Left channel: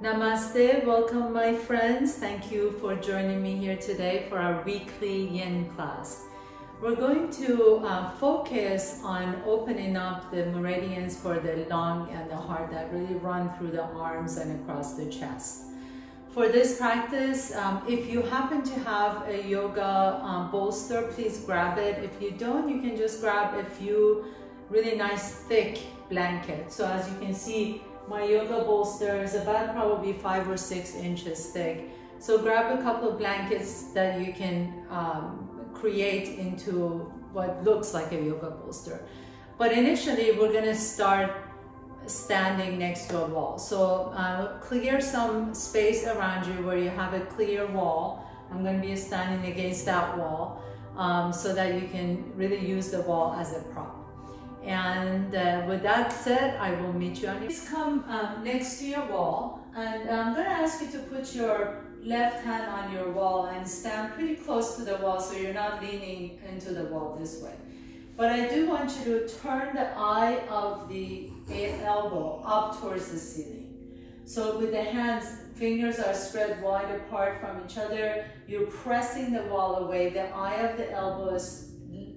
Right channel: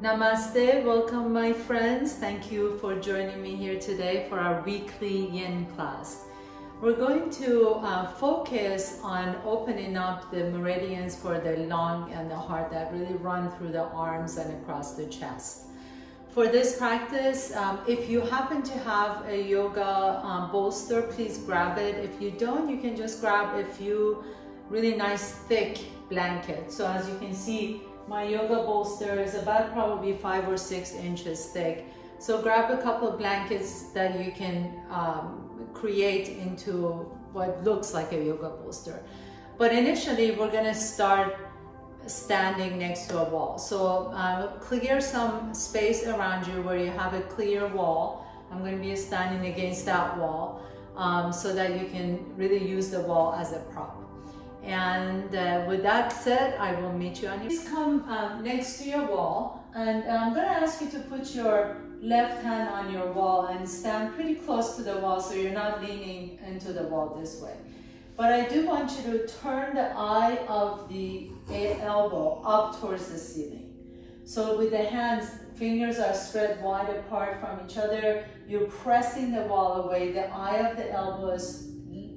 Namaste, welcome my friends. Thank you for joining me here today for our weekly Yin class. We're going to focus on opening up the meridians for the lung and the heart that really run through the arms and across the chest. For this practice, if you happen to have a yoga bolster, please grab it. If you don't, you can just grab a few really nice thick blankets. So as you can see, my yoga bolster is about probably 5 or 6 inches thick. So grab a couple of blankets that you can create into what looks like a yoga bolster. But initially, we're gonna start standing next to a wall. So clear some space around you where you have a clear wall. I'm gonna be standing against that wall so that you can really use the wall as a prop. And with that said, I will meet you on your... Please come next to your wall, and I'm going to ask you to put your left hand on your wall and stand pretty close to the wall so you're not leaning into the wall this way. But I do want you to turn the eye of the elbow up towards the ceiling. So with the hands, fingers are spread wide apart from each other. You're pressing the wall away. The eye of the elbow is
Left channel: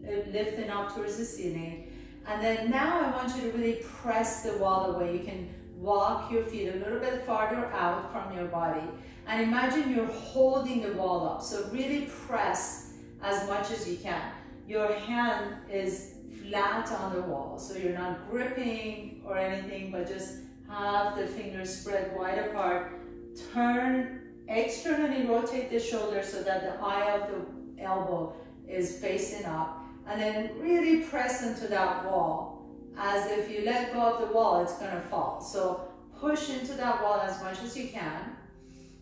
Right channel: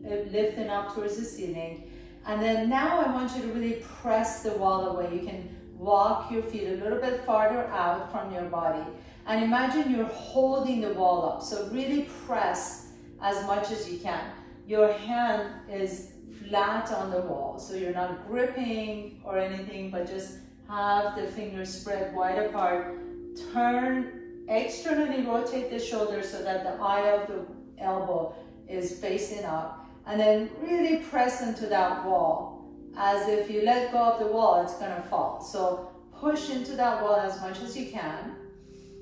lifting up towards the ceiling. And then now I want you to really press the wall away. You can walk your feet a little bit farther out from your body. And imagine you're holding the wall up. So really press as much as you can. Your hand is flat on the wall. So you're not gripping or anything, but just have the fingers spread wide apart. Turn, externally rotate the shoulder so that the eye of the elbow is facing up. And then really press into that wall. As if you let go of the wall, it's gonna fall. So push into that wall as much as you can.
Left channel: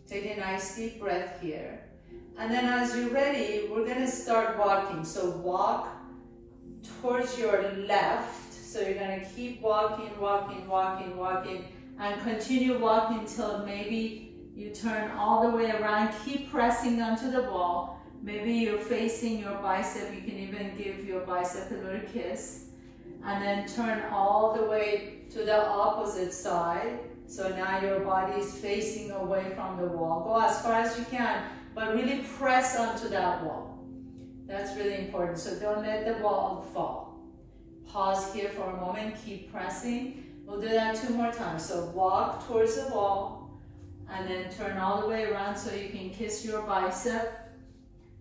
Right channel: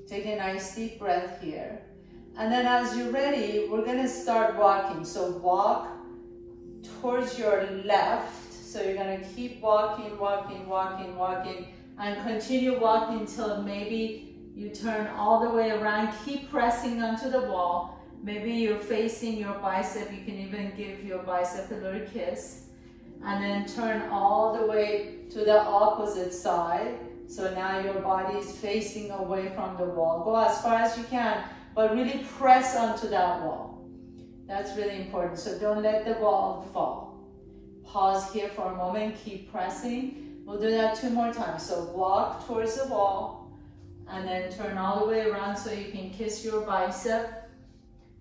Take a nice deep breath here. And then as you're ready, we're gonna start walking. So walk towards your left. So you're gonna keep walking, walking, walking, walking, and continue walking until maybe you turn all the way around. Keep pressing onto the wall. Maybe you're facing your bicep, you can even give your bicep a little kiss. And then turn all the way to the opposite side. So now your body is facing away from the wall. Go as far as you can, but really press onto that wall. That's really important, so don't let the wall fall. Pause here for a moment, keep pressing. We'll do that 2 more times. So walk towards the wall, and then turn all the way around so you can kiss your bicep.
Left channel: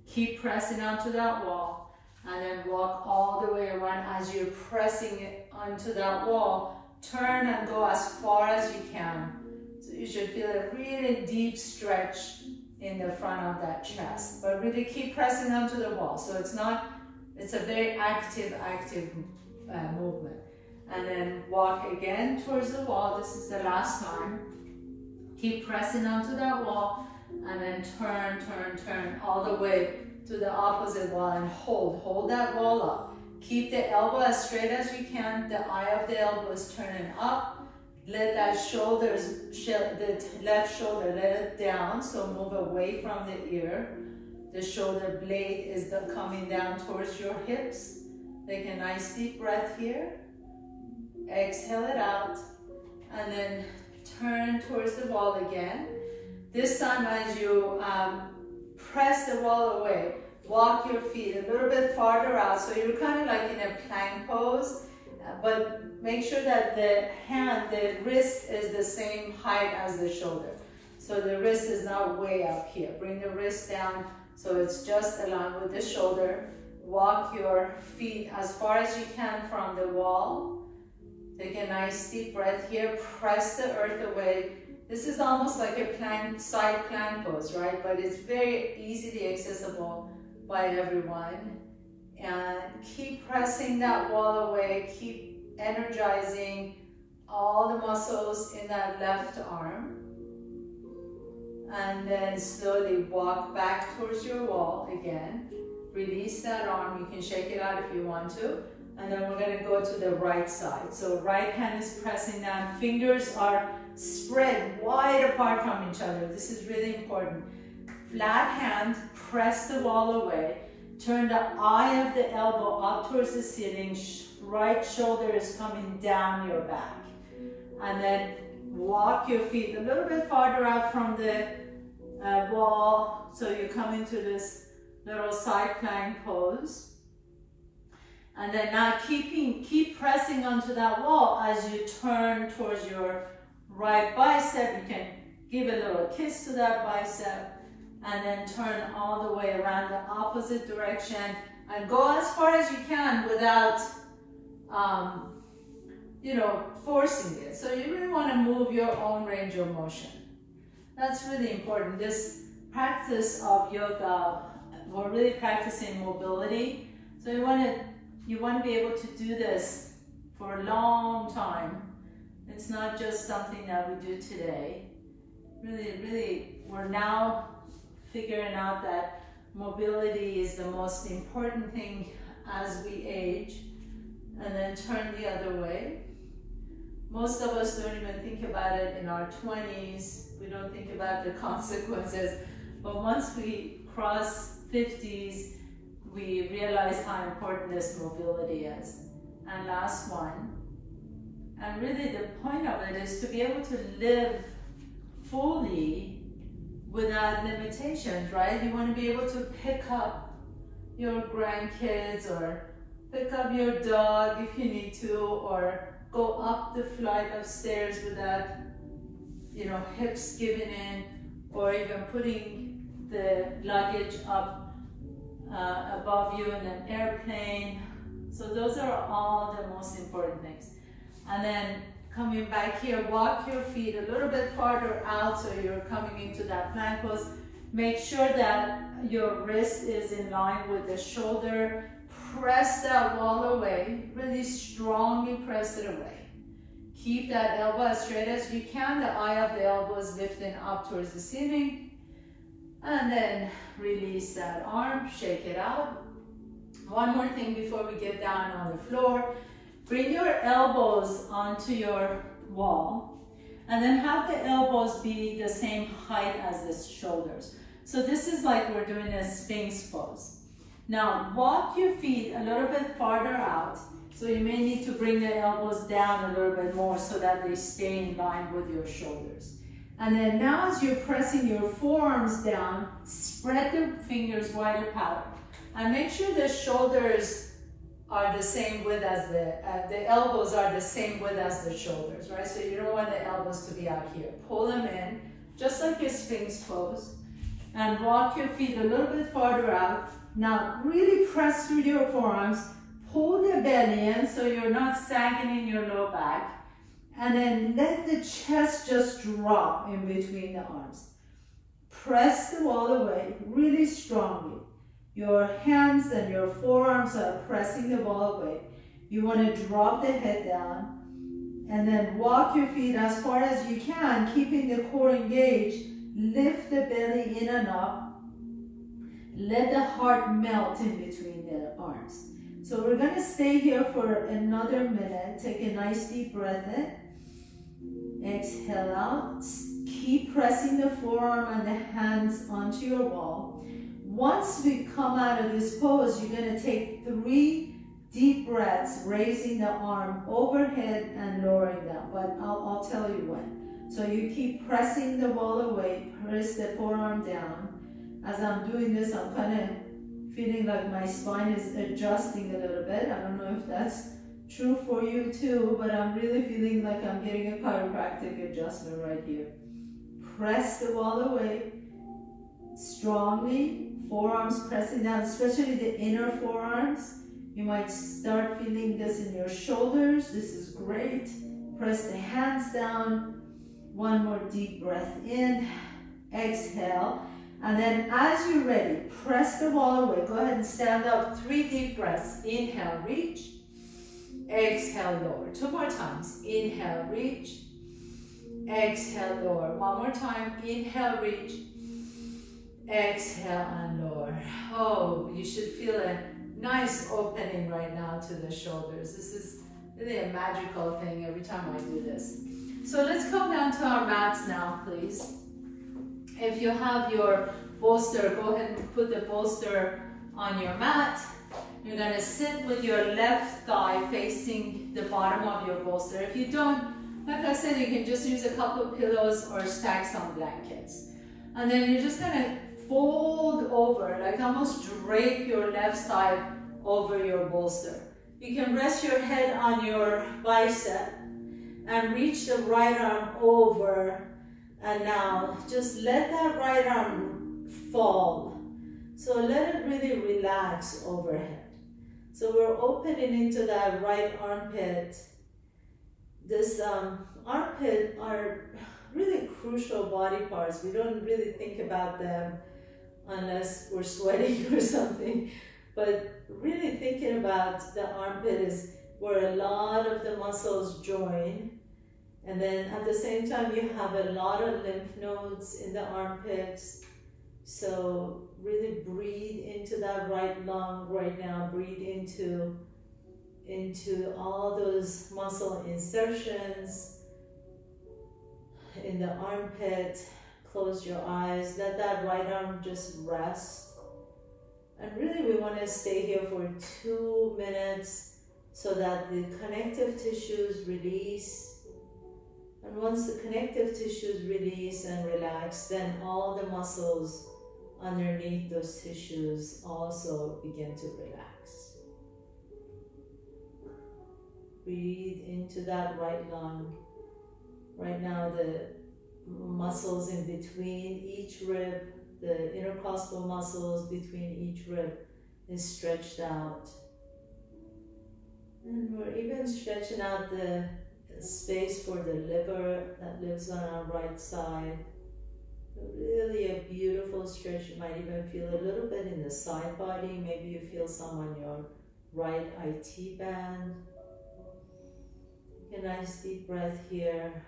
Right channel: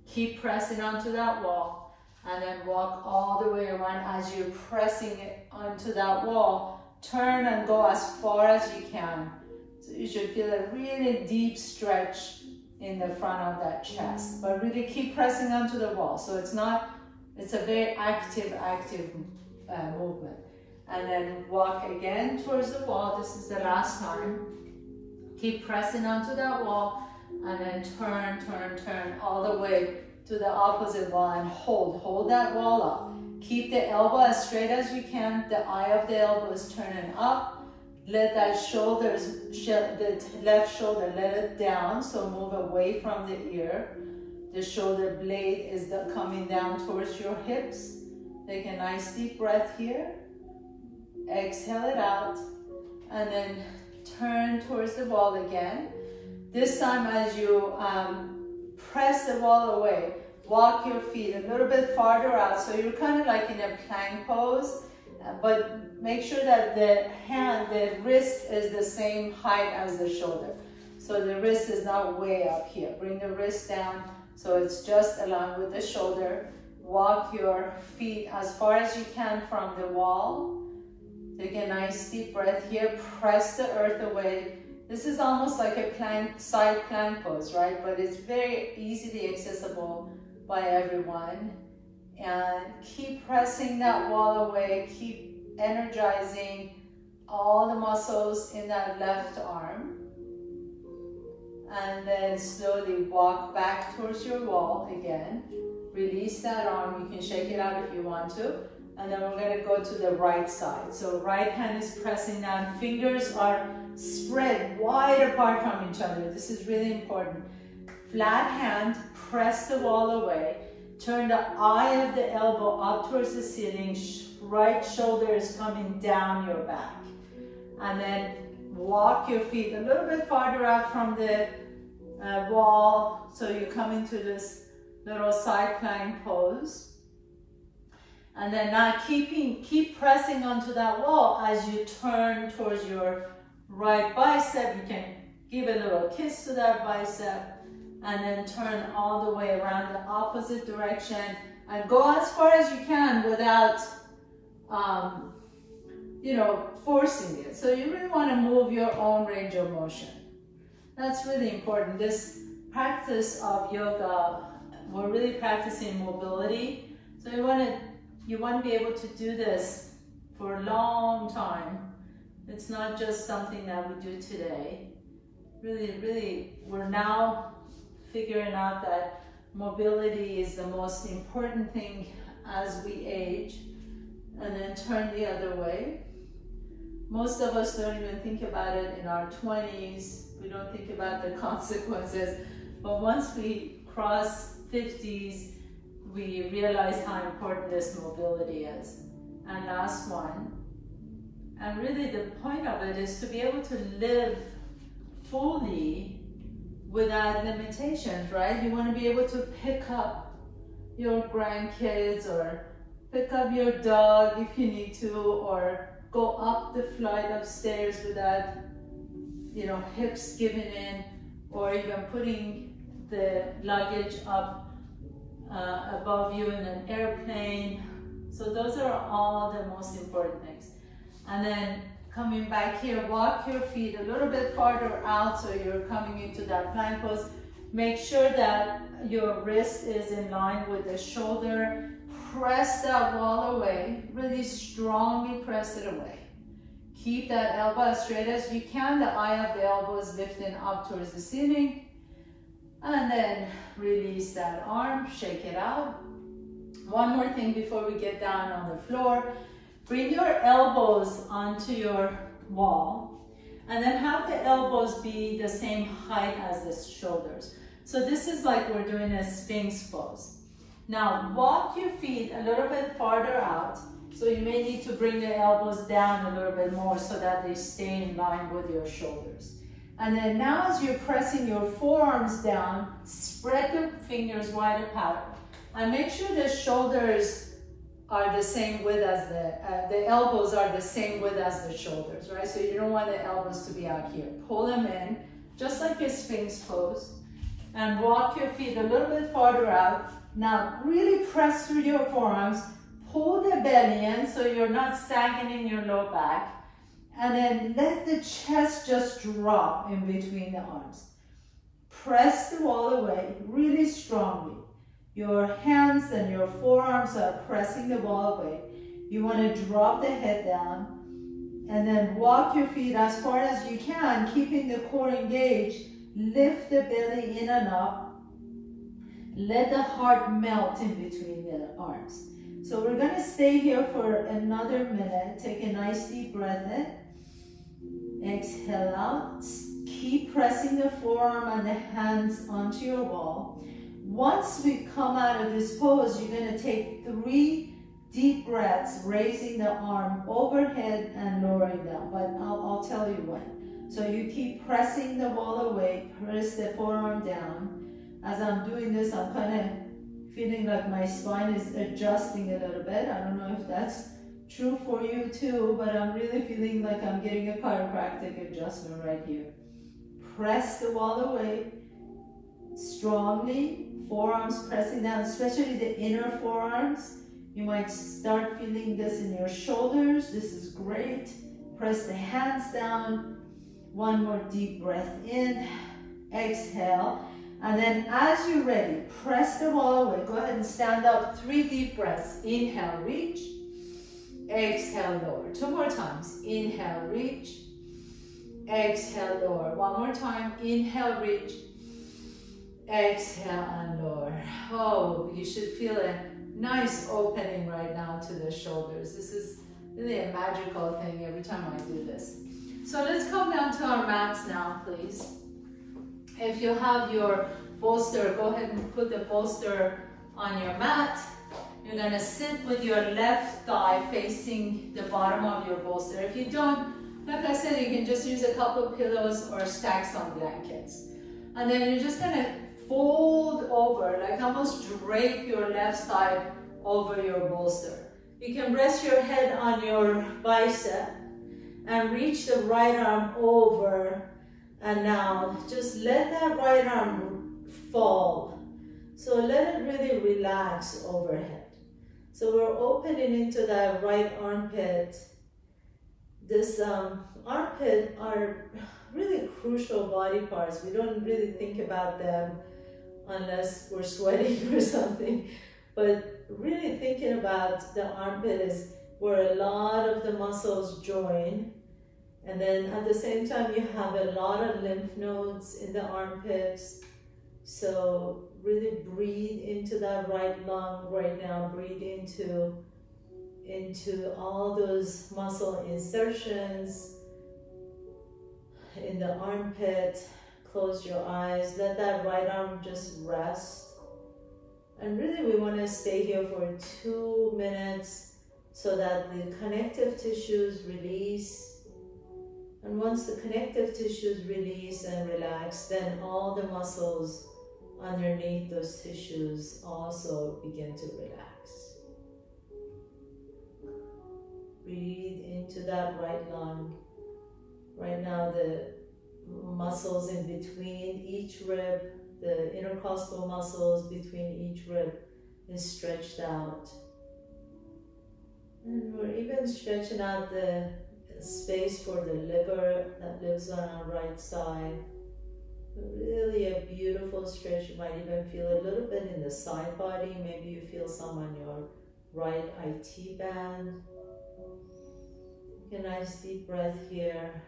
Keep pressing onto that wall, and then walk all the way around. As you're pressing it onto that wall, turn and go as far as you can. So you should feel a really deep stretch in the front of that chest, but really keep pressing onto the wall. So it's a very active movement. And then walk again towards the wall. This is the last time. Keep pressing onto that wall, and then turn, turn, turn all the way to the opposite wall and hold that wall up. Keep the elbow as straight as you can. The eye of the elbow is turning up. Let that the left shoulder, let it down. So move away from the ear. The shoulder blade is coming down towards your hips. Take a nice deep breath here. Exhale it out. And then turn towards the wall again. This time as you press the wall away, walk your feet a little bit farther out. So you're kind of like in a plank pose, but make sure that the wrist is the same height as the shoulder. So the wrist is not way up here. Bring the wrist down so it's just along with the shoulder. Walk your feet as far as you can from the wall. Take a nice deep breath here. Press the earth away. This is almost like a side plank pose, right? But it's very easily accessible by everyone. And keep pressing that wall away. Keep energizing all the muscles in that left arm. And then slowly walk back towards your wall again. Release that arm. You can shake it out if you want to. And then we're going to go to the right side. So right hand is pressing down. Fingers are spread wide apart from each other. This is really important. Flat hand, press the wall away. Turn the eye of the elbow up towards the ceiling. Right shoulder is coming down your back. And then walk your feet a little bit farther out from the wall, so you come into this little side plank pose. And then now keep pressing onto that wall as you turn towards your right bicep. You can give a little kiss to that bicep and then turn all the way around the opposite direction and go as far as you can without, you know, forcing it. So you really want to move your own range of motion. That's really important. This practice of yoga, we're really practicing mobility. So you want to be able to do this for a long time. It's not just something that we do today. Really, we're now figuring out that mobility is the most important thing as we age. And then turn the other way. Most of us don't even think about it in our 20s. We don't think about the consequences. But once we cross 50s, we realize how important this mobility is. And last one. And really the point of it is to be able to live fully without limitations, right? You want to be able to pick up your grandkids or pick up your dog if you need to, or go up the flight of stairs without, you know, hips giving in, or even putting the luggage up above you in an airplane. So those are all the most important things. And then coming back here, walk your feet a little bit farther out so you're coming into that plank pose. Make sure that your wrist is in line with the shoulder. Press that wall away, really strongly press it away. Keep that elbow as straight as you can. The eye of the elbow is lifting up towards the ceiling. And then release that arm, shake it out. One more thing before we get down on the floor. Bring your elbows onto your wall. And then have the elbows be the same height as the shoulders. So this is like we're doing a Sphinx pose. Now walk your feet a little bit farther out. So you may need to bring the elbows down a little bit more so that they stay in line with your shoulders. And then now as you're pressing your forearms down, spread your fingers wide apart. And make sure the shoulders are the same width as the elbows are the same width as the shoulders, right? So you don't want the elbows to be out here. Pull them in, just like a Sphinx pose. And walk your feet a little bit farther out. Now really press through your forearms, pull the belly in so you're not sagging in your low back, and then let the chest just drop in between the arms. Press the wall away really strongly. Your hands and your forearms are pressing the wall away. You want to drop the head down and then walk your feet as far as you can, keeping the core engaged. Lift the belly in and up. Let the heart melt in between the arms. So we're going to stay here for another minute. Take a nice deep breath in. Exhale out. Keep pressing the forearm and the hands onto your wall. Once we come out of this pose, you're going to take 3 deep breaths, raising the arm overhead and lowering down. But I'll tell you when. So you keep pressing the wall away, press the forearm down. As I'm doing this, I'm kind of feeling like my spine is adjusting a little bit. I don't know if that's true for you too, but I'm really feeling like I'm getting a chiropractic adjustment right here. Press the wall away strongly, forearms pressing down, especially the inner forearms. You might start feeling this in your shoulders. This is great. Press the hands down. One more deep breath in. Exhale. And then as you're ready, press the wall away. Go ahead and stand up. 3 deep breaths. Inhale, reach. Exhale, lower. 2 more times. Inhale, reach. Exhale, lower. 1 more time. Inhale, reach. Exhale and lower. Oh, you should feel a nice opening right now to the shoulders. This is really a magical thing every time I do this. So let's come down to our mats now, please. If you have your bolster, go ahead and put the bolster on your mat. You're going to sit with your left thigh facing the bottom of your bolster. If you don't, Like I said, you can just use a couple of pillows or stack some blankets. And then you're just gonna fold over, like almost drape your left side over your bolster. You can rest your head on your bicep and reach the right arm over. And now just let that right arm fall. So let it really relax overhead. So we're opening into that right armpit. This armpit are really crucial body parts. We don't really think about them unless we're sweating or something. But really thinking about the armpit is where a lot of the muscles join. And then at the same time, you have a lot of lymph nodes in the armpits. So really breathe into that right lung right now. Breathe into all those muscle insertions in the armpit. Close your eyes. Let that right arm just rest. And really we want to stay here for 2 minutes so that the connective tissues release. And once the connective tissues release and relax, then all the muscles underneath those tissues also begin to relax. Breathe into that right lung. Right now the muscles in between each rib, the intercostal muscles between each rib is stretched out. And we're even stretching out the space for the liver that lives on our right side. Really a beautiful stretch. You might even feel a little bit in the side body. Maybe you feel some on your right IT band. Take a nice deep breath here.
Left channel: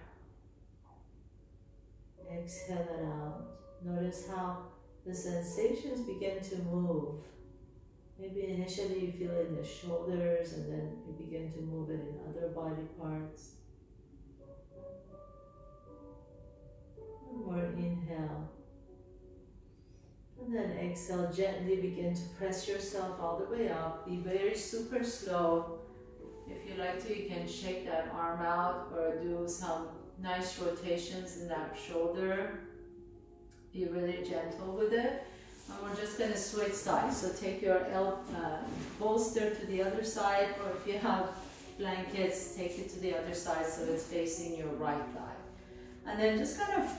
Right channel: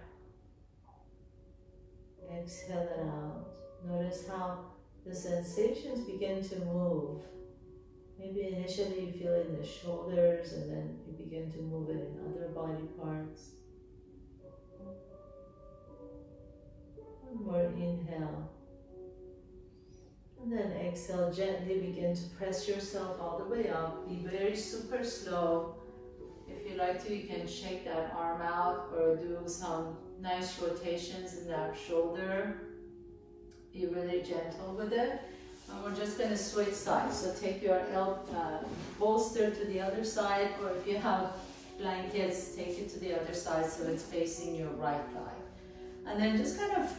Exhale it out. Notice how the sensations begin to move. Maybe initially you feel it in the shoulders and then you begin to move it in other body parts. One more inhale. And then exhale, gently begin to press yourself all the way up. Be very super slow. If you like to, you can shake that arm out or do some nice rotations in that shoulder. Be really gentle with it. And we're just going to switch sides. So take your bolster to the other side, or if you have blankets, take it to the other side so it's facing your right thigh. And then just kind of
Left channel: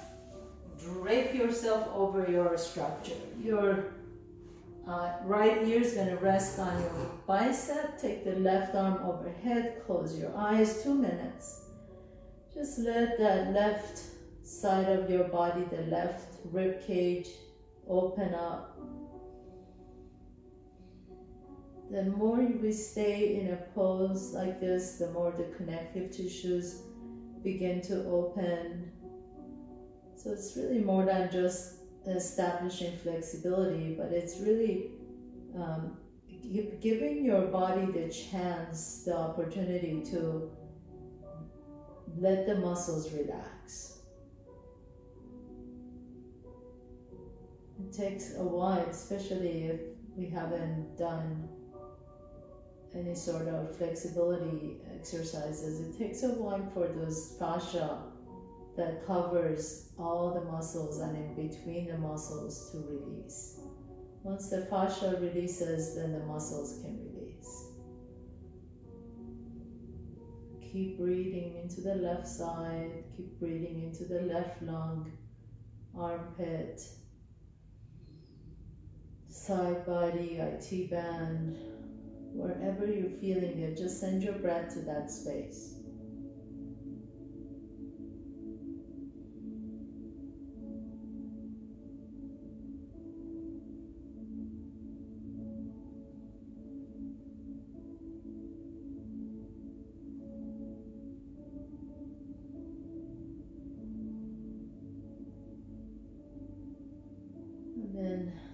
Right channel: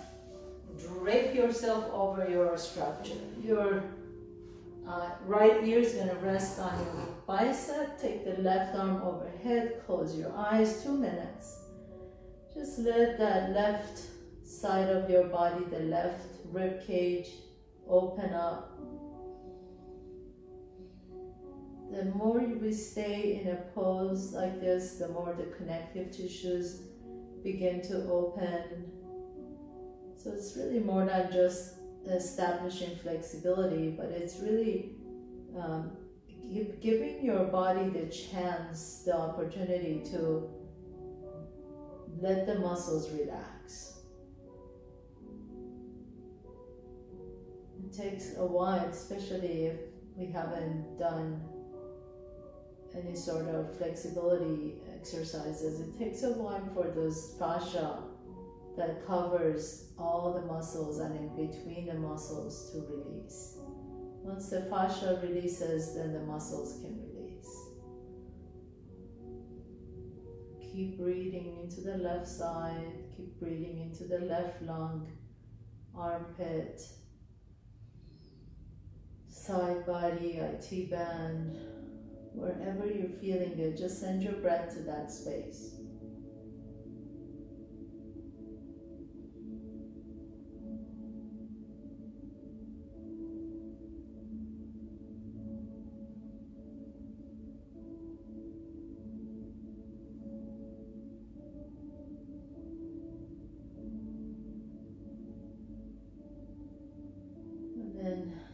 drape yourself over your structure. Your right ear is going to rest on your bicep. Take the left arm overhead. Close your eyes. 2 minutes. Just let that left side of your body, the left rib cage, open up. The more we stay in a pose like this, the more the connective tissues begin to open. So it's really more than just establishing flexibility, but it's really giving your body the chance, the opportunity to let the muscles relax. It takes a while, especially if we haven't done any sort of flexibility exercises. It takes a while for those fascia that covers all the muscles and in between the muscles to release. Once the fascia releases, then the muscles can release. Keep breathing into the left side, keep breathing into the left lung, armpit, side body, IT band, wherever you're feeling it, just send your breath to that space.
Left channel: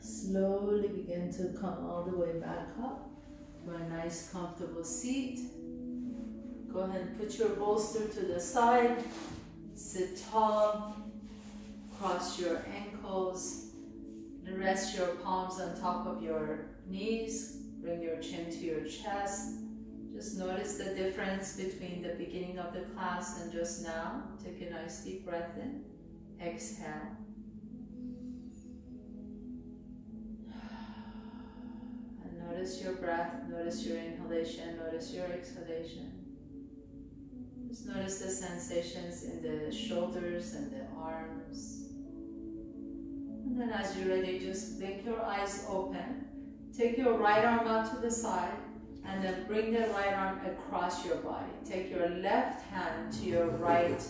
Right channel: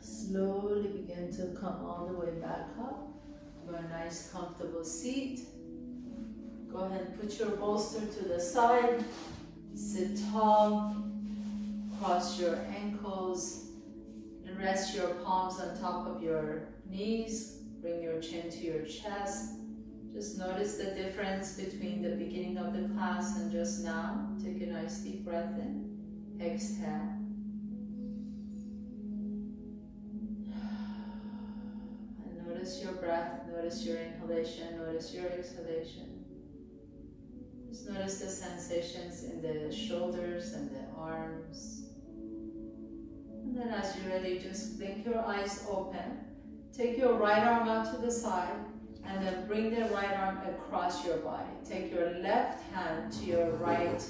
Slowly begin to come all the way back up to a nice comfortable seat. Go ahead and put your bolster to the side. Sit tall. Cross your ankles. And rest your palms on top of your knees. Bring your chin to your chest. Just notice the difference between the beginning of the class and just now. Take a nice deep breath in. Exhale. And notice your breath. Notice your inhalation. Notice your exhalation. Just notice the sensations in the shoulders and the arms. And then as you're ready, just blink your eyes open. Take your right arm out to the side and then bring the right arm across your body. Take your left hand to your right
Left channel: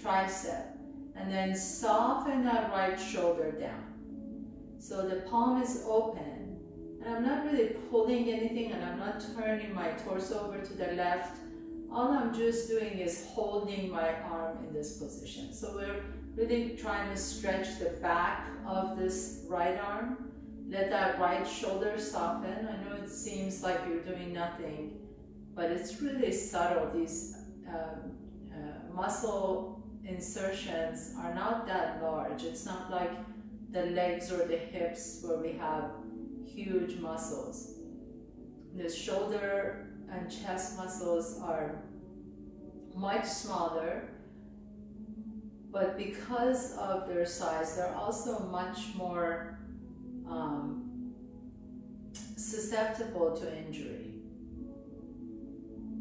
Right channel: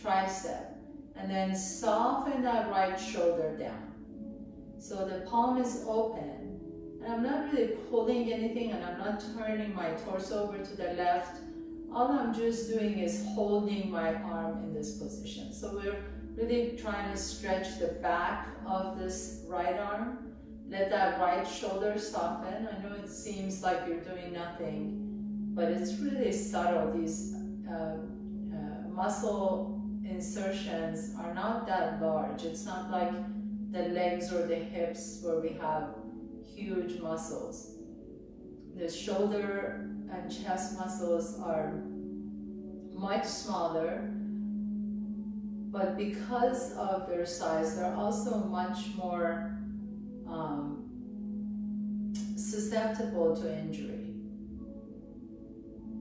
tricep and then soften that right shoulder down. So the palm is open and I'm not really pulling anything and I'm not turning my torso over to the left. All I'm just doing is holding my arm in this position. So we're really trying to stretch the back of this right arm. Let that right shoulder soften. I know it seems like you're doing nothing, but it's really subtle. These muscle insertions are not that large. It's not like the legs or the hips where we have huge muscles. The shoulder and chest muscles are much smaller, but because of their size, they're also much more susceptible to injury.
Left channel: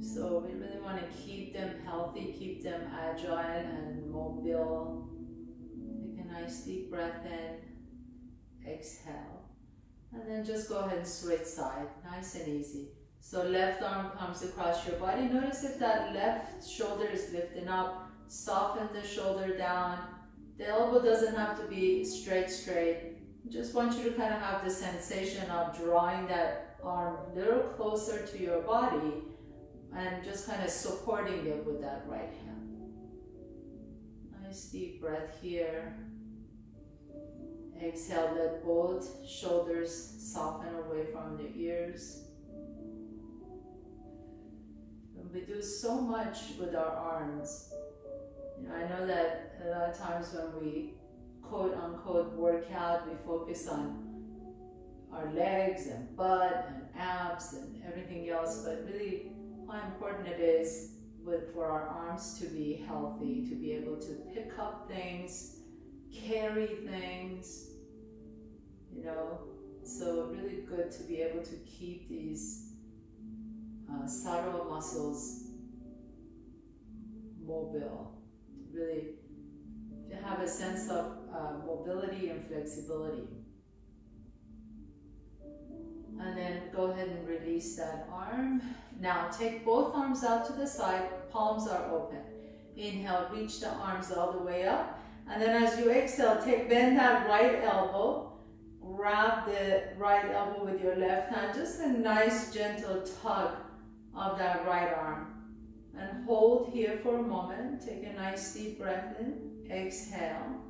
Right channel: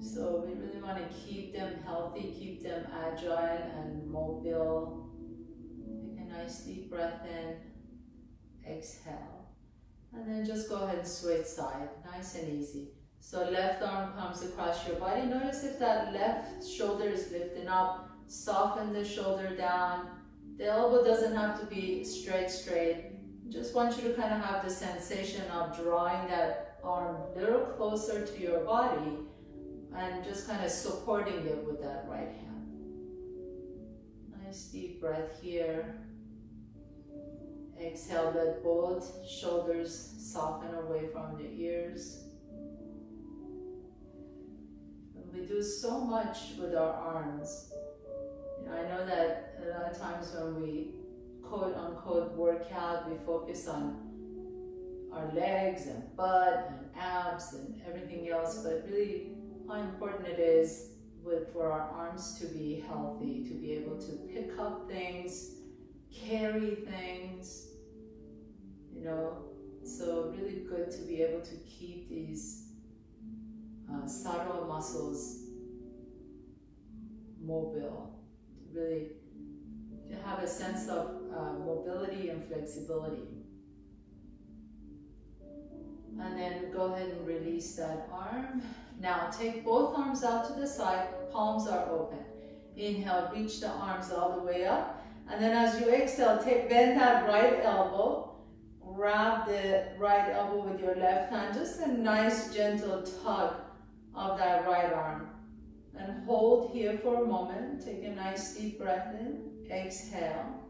So we really want to keep them healthy, keep them agile and mobile. Take a nice deep breath in, exhale, and then just go ahead and switch side, nice and easy. So left arm comes across your body. Notice if that left shoulder is lifting up, soften the shoulder down. The elbow doesn't have to be straight. Just want you to kind of have the sensation of drawing that arm a little closer to your body and just kind of supporting it with that right hand. Nice deep breath here. Exhale, let both shoulders soften away from the ears. And we do so much with our arms. You know, I know that a lot of times when we quote-unquote workout, we focus on our legs and butt and abs and everything else, but really how important it is for our arms to be healthy, to be able to pick up things, carry things, you know. So really good to be able to keep these subtle muscles mobile, really to have a sense of mobility and flexibility. And then go ahead and release that arm. Now take both arms out to the side, palms are open. Inhale, reach the arms all the way up. And then as you exhale, bend that right elbow, grab the right elbow with your left hand, just a nice gentle tug of that right arm. And hold here for a moment. Take a nice deep breath in. Exhale.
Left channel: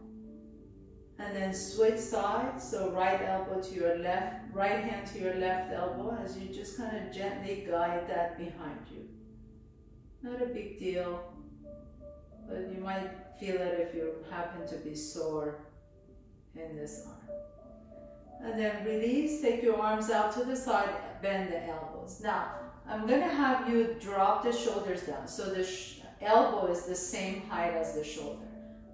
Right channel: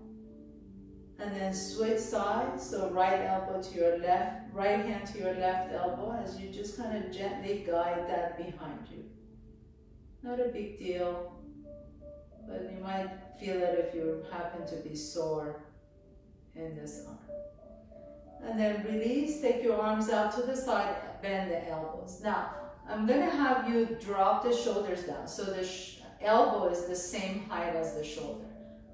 And then switch sides. So right elbow to your left, right hand to your left elbow as you just kind of gently guide that behind you. Not a big deal, but you might feel it if you happen to be sore in this arm. And then release, take your arms out to the side, bend the elbows. Now, I'm gonna have you drop the shoulders down. So the elbow is the same height as the shoulder.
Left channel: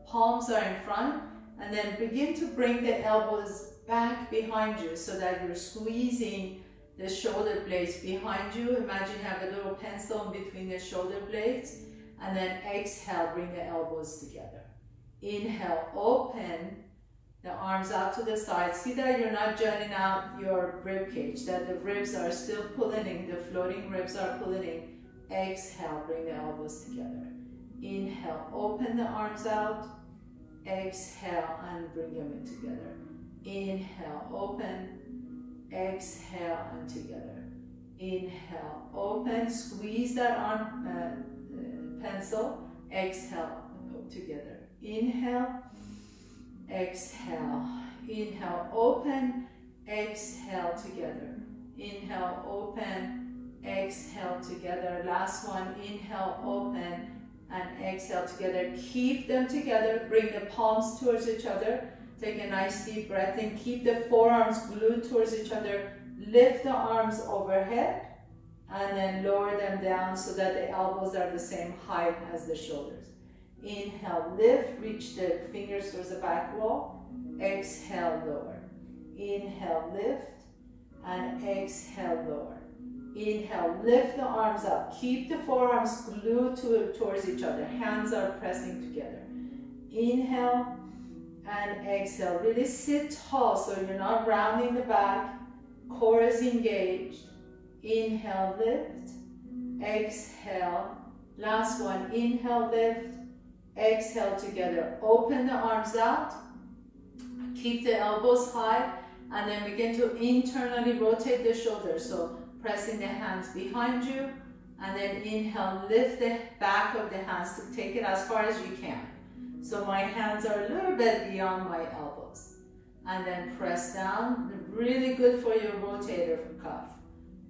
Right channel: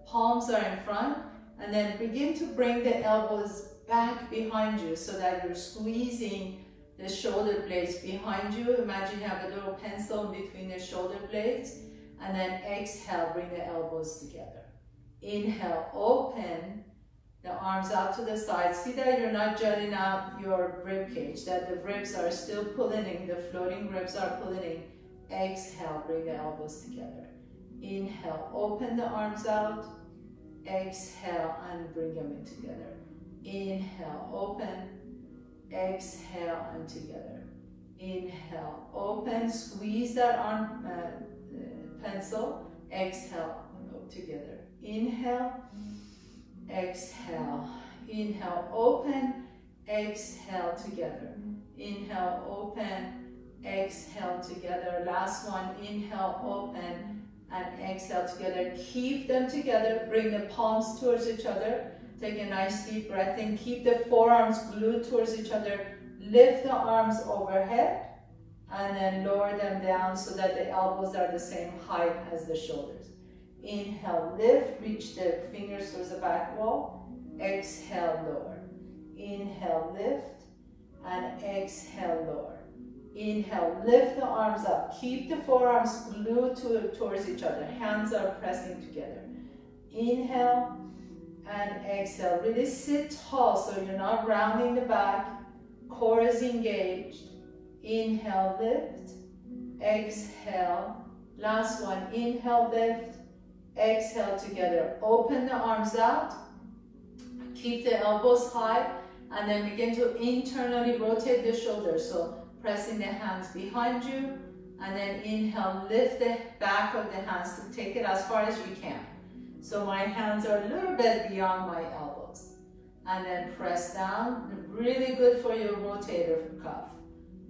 Palms are in front, and then begin to bring the elbows back behind you so that you're squeezing the shoulder blades behind you. Imagine you have a little pencil in between the shoulder blades, and then exhale, bring the elbows together. Inhale, open the arms out to the side. See that you're not jutting out your rib cage, that the ribs are still pulling in, the floating ribs are pulling in. Exhale, bring the elbows together. Inhale, open the arms out. Exhale, and bring them in together. Inhale, open. Exhale, and together. Inhale, open. Squeeze that arm pencil. Exhale, and go together. Inhale. Exhale. Inhale, open. Exhale, together. Inhale, open. Exhale, together. Last one. Inhale, open. And exhale together. Keep them together. Bring the palms towards each other. Take a nice deep breath in. Keep the forearms glued towards each other. Lift the arms overhead. And then lower them down so that the elbows are the same height as the shoulders. Inhale, lift, reach the fingers towards the back wall. Exhale, lower. Inhale, lift, and exhale, lower. Inhale, lift the arms up. Keep the forearms glued towards each other. Hands are pressing together. Inhale and exhale. Really sit tall so you're not rounding the back. Core is engaged. Inhale, lift. Exhale. Last one. Inhale, lift. Exhale together. Open the arms out. Keep the elbows high. And then begin to internally rotate the shoulders. So pressing the hands behind you. And then inhale, lift the back of the hands to take it as far as you can. So my hands are a little bit beyond my elbows. And then press down. Really good for your rotator cuff.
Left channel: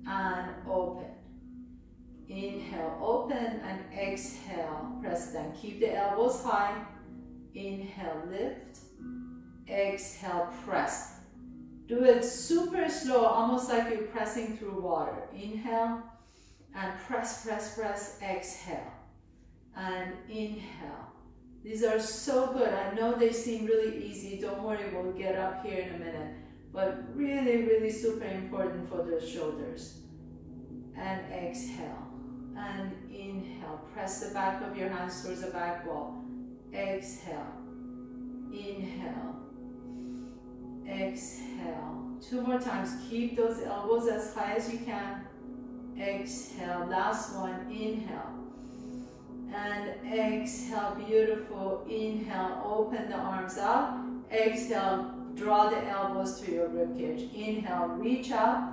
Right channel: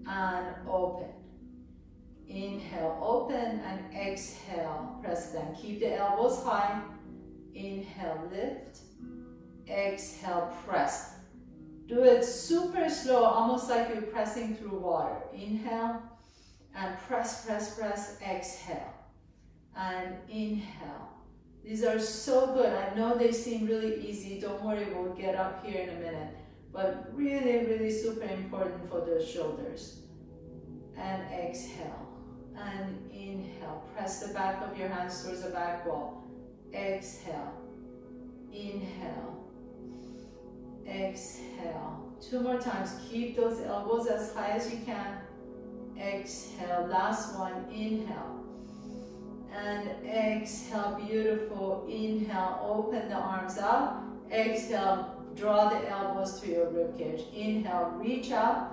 And open. Inhale, open, and exhale, press down. Keep the elbows high. Inhale, lift. Exhale, press. Do it super slow, almost like you're pressing through water. Inhale, and press, press, press. Exhale, and inhale. These are so good. I know they seem really easy. Don't worry, we'll get up here in a minute. But really, really super important for the shoulders. And exhale. And inhale. Press the back of your hands towards the back wall. Exhale. Inhale. Exhale. 2 more times. Keep those elbows as high as you can. Exhale. Last one. Inhale. And exhale. Beautiful. Inhale. Open the arms out. Exhale. Draw the elbows to your ribcage. Inhale. Reach out.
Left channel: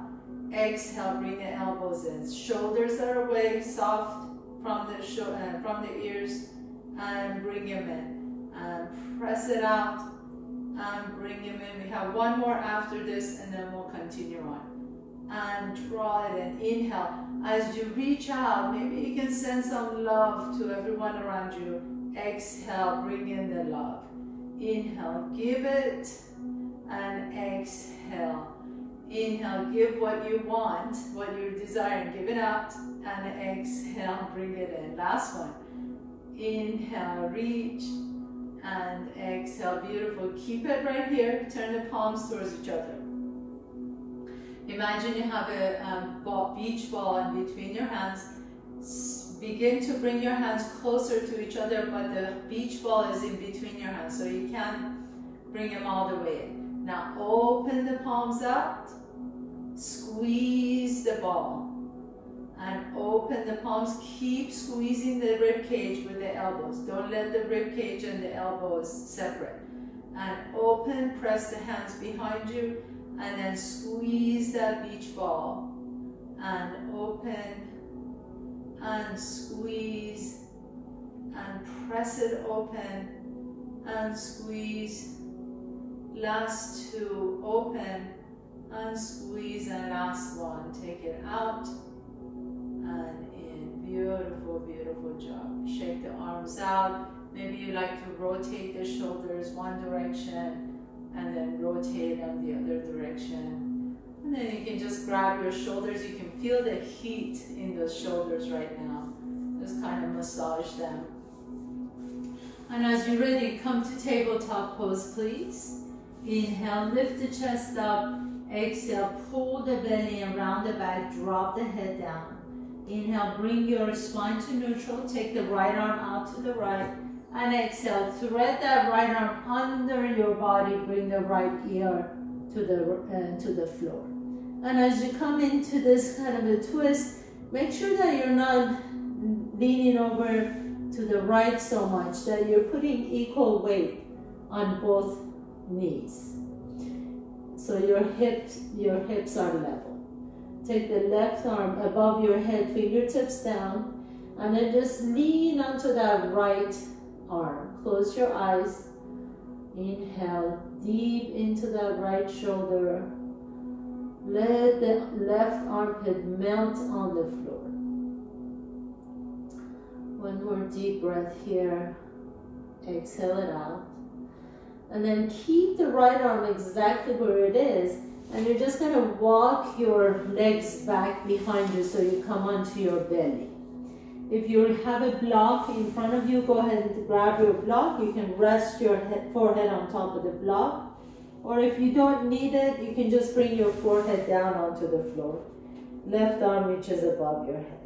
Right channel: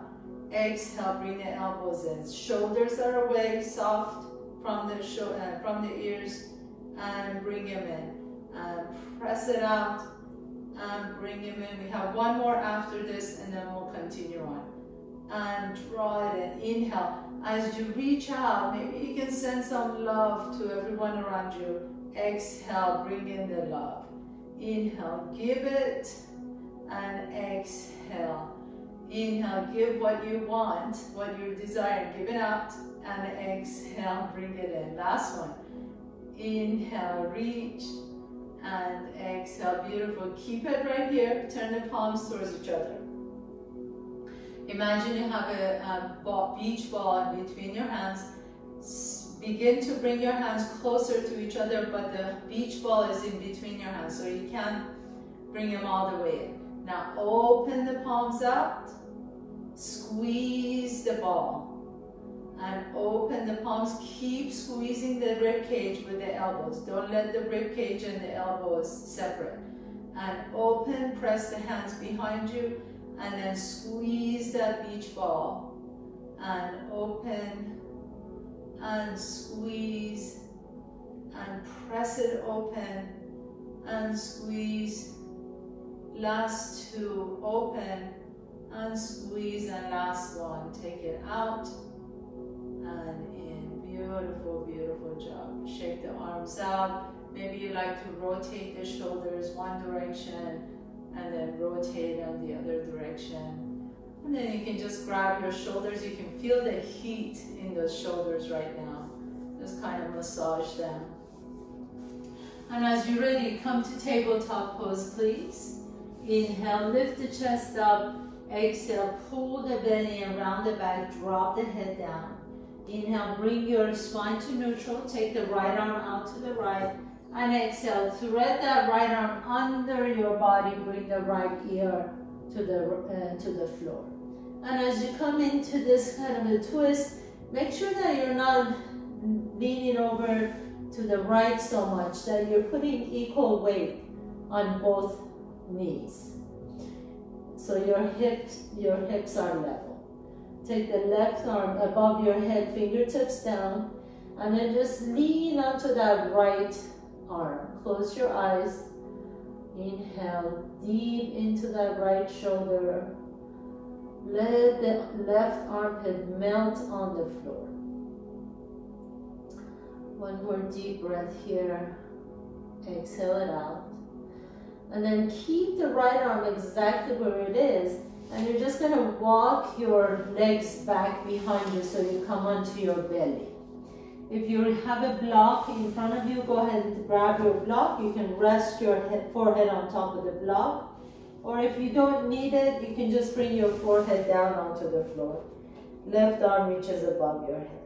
Exhale, bring the elbows in. Shoulders are away, soft from the ears, and bring them in. And press it out, and bring them in. We have one more after this, and then we'll continue on. And draw it in. Inhale. As you reach out, maybe you can send some love to everyone around you. Exhale, bring in the love. Inhale, give it, and exhale. Inhale, give what you want, what you desire, give it out, and exhale, bring it in. Last one. Inhale, reach, and exhale. Beautiful. Keep it right here. Turn the palms towards each other. Imagine you have a beach ball in between your hands. Begin to bring your hands closer to each other, but the beach ball is in between your hands, so you can't bring them all the way in. Now open the palms out. Squeeze the ball and open the palms. Keep squeezing the rib cage with the elbows. Don't let the rib cage and the elbows separate. And open, press the hands behind you, and then squeeze that beach ball. And open and squeeze and press it open and squeeze. Last 2, open and squeeze, and last one, take it out and in. Beautiful, beautiful job. Shake the arms out. Maybe you like to rotate the shoulders one direction and then rotate them the other direction. And then you can just grab your shoulders. You can feel the heat in those shoulders right now. Just kind of massage them. And as you're ready, come to tabletop pose, please. Inhale, lift the chest up. Exhale, pull the belly around the back, drop the head down. Inhale, bring your spine to neutral. Take the right arm out to the right. And exhale, thread that right arm under your body. Bring the right ear to the floor. And as you come into this kind of a twist, make sure that you're not leaning over to the right so much, that you're putting equal weight on both knees. So your hips are level. Take the left arm above your head, fingertips down, and then just lean onto that right arm. Close your eyes. Inhale deep into that right shoulder. Let the left armpit melt on the floor. One more deep breath here. Exhale it out. And then keep the right arm exactly where it is, And you're just gonna walk your legs back behind you so you come onto your belly. If you have a block in front of you, go ahead and grab your block. You can rest your forehead on top of the block. Or if you don't need it, you can just bring your forehead down onto the floor. Left arm reaches above your head.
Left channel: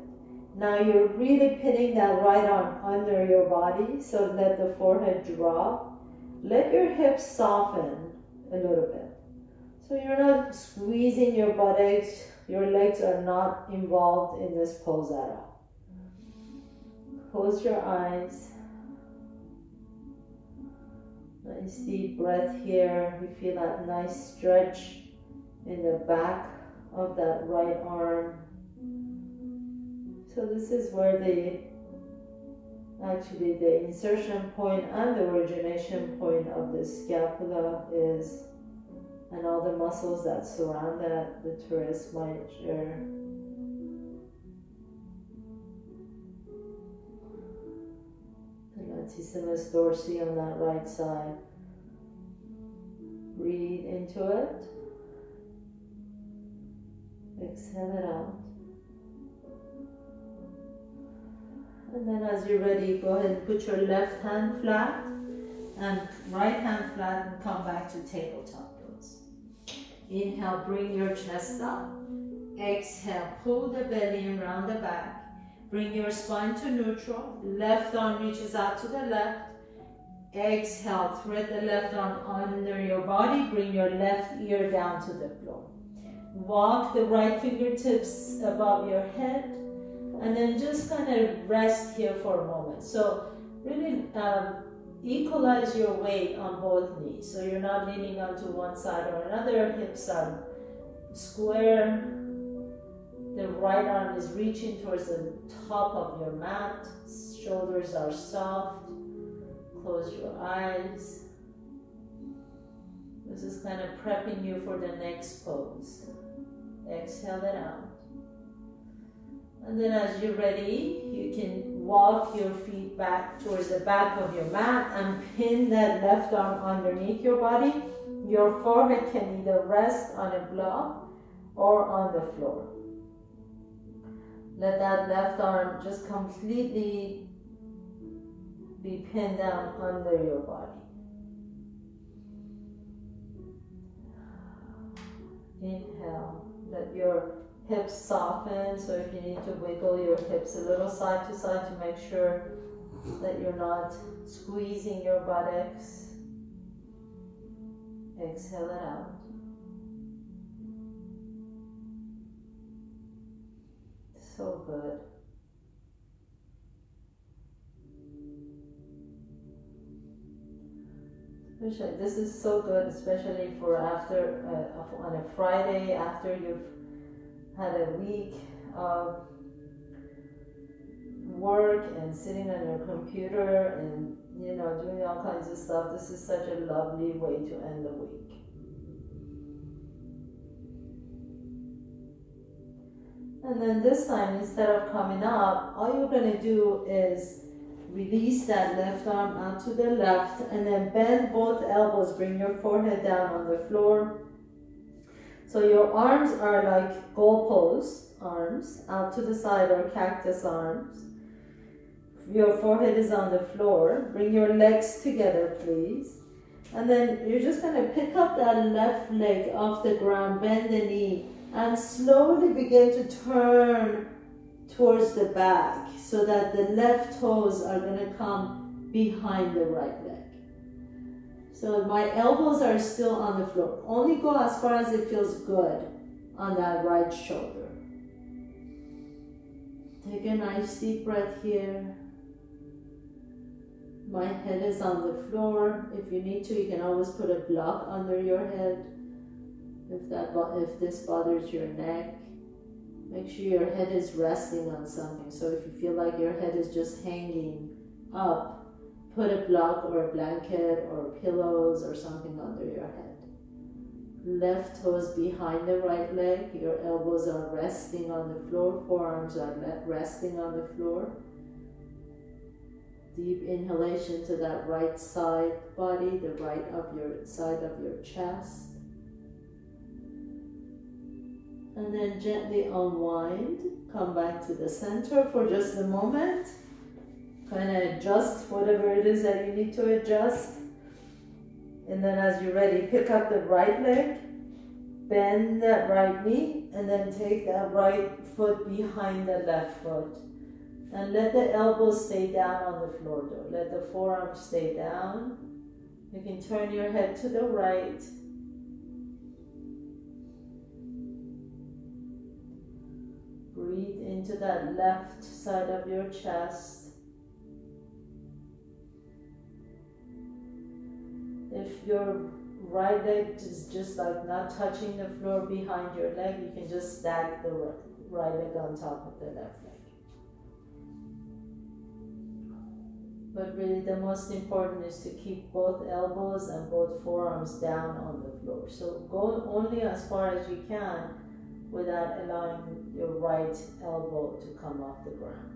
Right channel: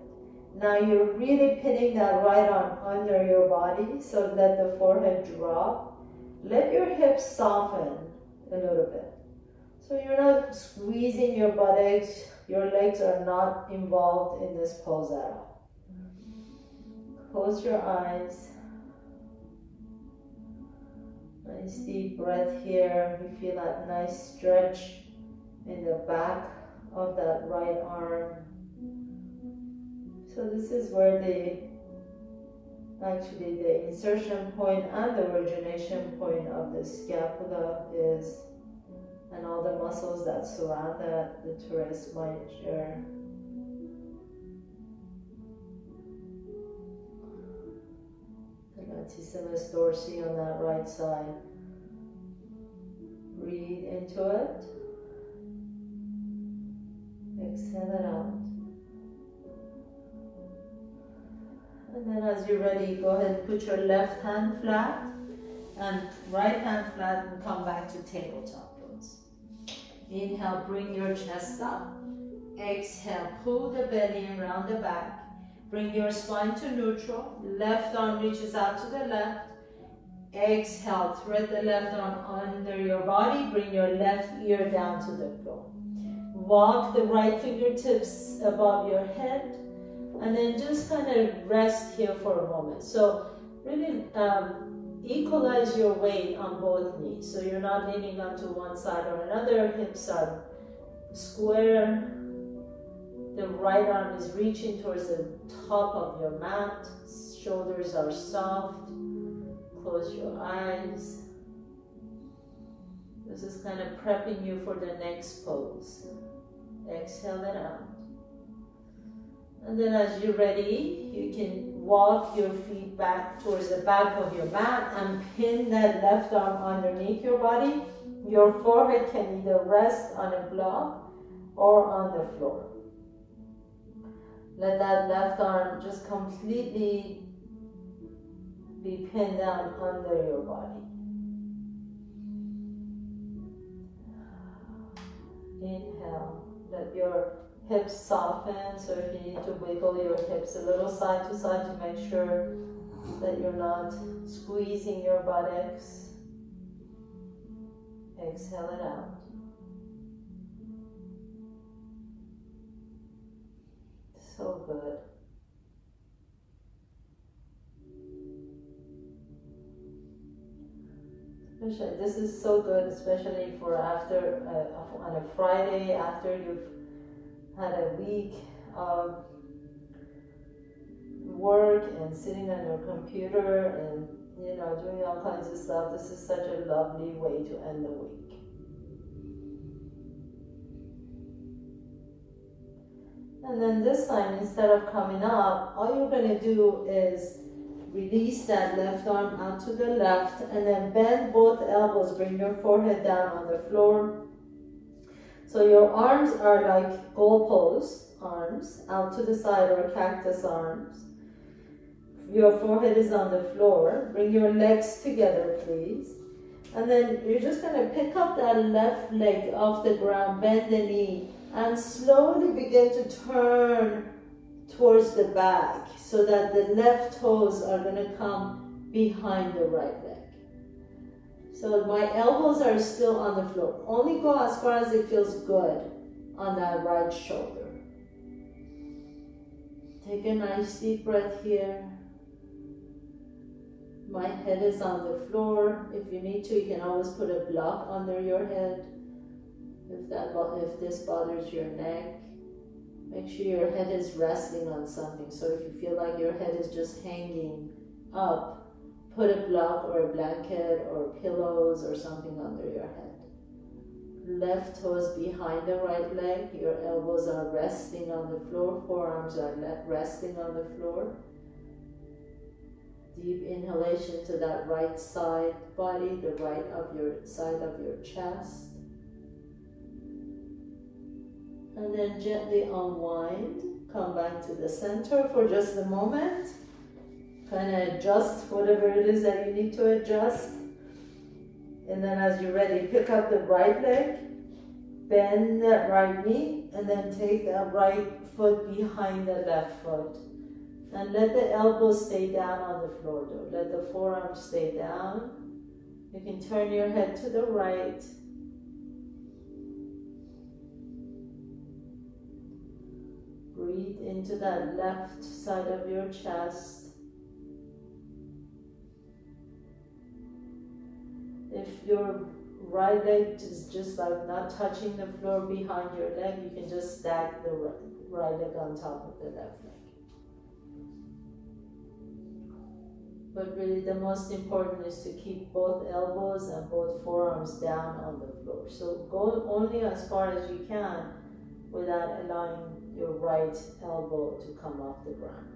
Now you're really pinning that right arm under your body, so let the forehead drop. Let your hips soften a little bit. So you're not squeezing your buttocks, your legs are not involved in this pose at all. Close your eyes. Nice deep breath here. You feel that nice stretch in the back of that right arm. So this is where the insertion point and the origination point of the scapula is, and all the muscles that surround that, the teres major. Latissimus dorsi on that right side. Breathe into it. Exhale it out. And then as you're ready, go ahead and put your left hand flat and right hand flat and come back to tabletop pose. Inhale, bring your chest up. Exhale, pull the belly around the back. Bring your spine to neutral. Left arm reaches out to the left. Exhale, thread the left arm under your body. Bring your left ear down to the floor. Walk the right fingertips above your head. And then just kind of rest here for a moment. So really equalize your weight on both knees. So you're not leaning onto one side or another. Hips are square. The right arm is reaching towards the top of your mat. Shoulders are soft. Close your eyes. This is kind of prepping you for the next pose. Exhale it out. And then as you're ready, you can walk your feet back towards the back of your mat and pin that left arm underneath your body. Your forehead can either rest on a block or on the floor. Let that left arm just completely be pinned down under your body. Inhale, let your hips soften, so if you need to wiggle your hips a little side to side to make sure that you're not squeezing your buttocks. Exhale it out. So good. This is so good, especially for after on a Friday after you've had a week of work and sitting on your computer and doing all kinds of stuff. This is such a lovely way to end the week. And then this time, instead of coming up, all you're going to do is release that left arm out to the left and then bend both elbows. Bring your forehead down on the floor. So your arms are like goalpost arms out to the side, or cactus arms. Your forehead is on the floor. Bring your legs together, please. And then you're just going to pick up that left leg off the ground, bend the knee, and slowly begin to turn towards the back so that the left toes are going to come behind the right leg. So my elbows are still on the floor. Only go as far as it feels good on that right shoulder. Take a nice deep breath here. My head is on the floor. If you need to, you can always put a block under your head. If this bothers your neck, make sure your head is resting on something. So if you feel like your head is just hanging up, put a block or a blanket or pillows or something under your head. Left toes behind the right leg. Your elbows are resting on the floor. Forearms are resting on the floor. Deep inhalation to that right side body, the right of your side of your chest. And then gently unwind, come back to the center for just a moment. Kind of adjust whatever it is that you need to adjust. And then as you're ready, pick up the right leg, bend that right knee, and then take that right foot behind the left foot. And let the elbows stay down on the floor though. Let the forearms stay down. You can turn your head to the right. Breathe into that left side of your chest. If your right leg is just like not touching the floor behind your leg, you can just stack the right leg on top of the left leg. But really the most important is to keep both elbows and both forearms down on the floor. So go only as far as you can without allowing your right elbow to come off the ground.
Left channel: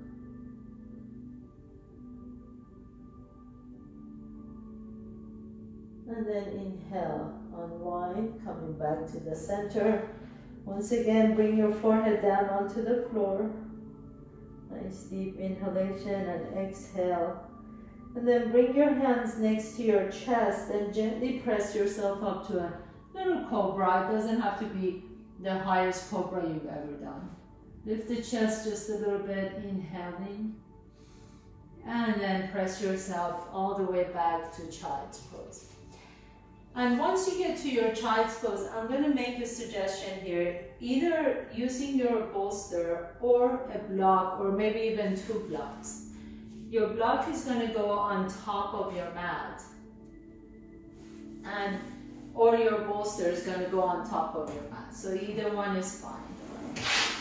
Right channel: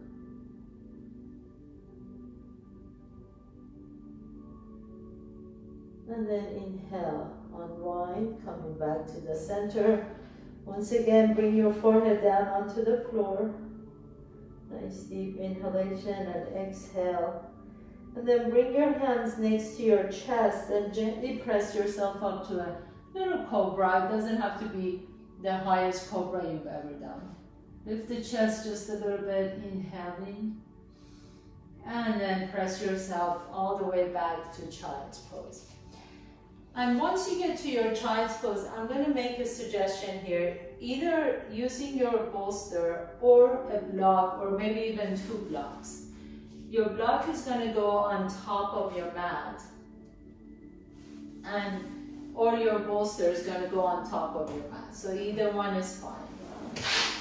And then inhale, unwind, coming back to the center. Once again, bring your forehead down onto the floor. Nice deep inhalation and exhale. And then bring your hands next to your chest and gently press yourself up to a little cobra. It doesn't have to be the highest cobra you've ever done. Lift the chest just a little bit, inhaling. And then press yourself all the way back to child's pose. And once you get to your child's pose, I'm going to make a suggestion here. Either using your bolster or a block, or maybe even 2 blocks. Your block is going to go on top of your mat, or your bolster is going to go on top of your mat. So either one is fine.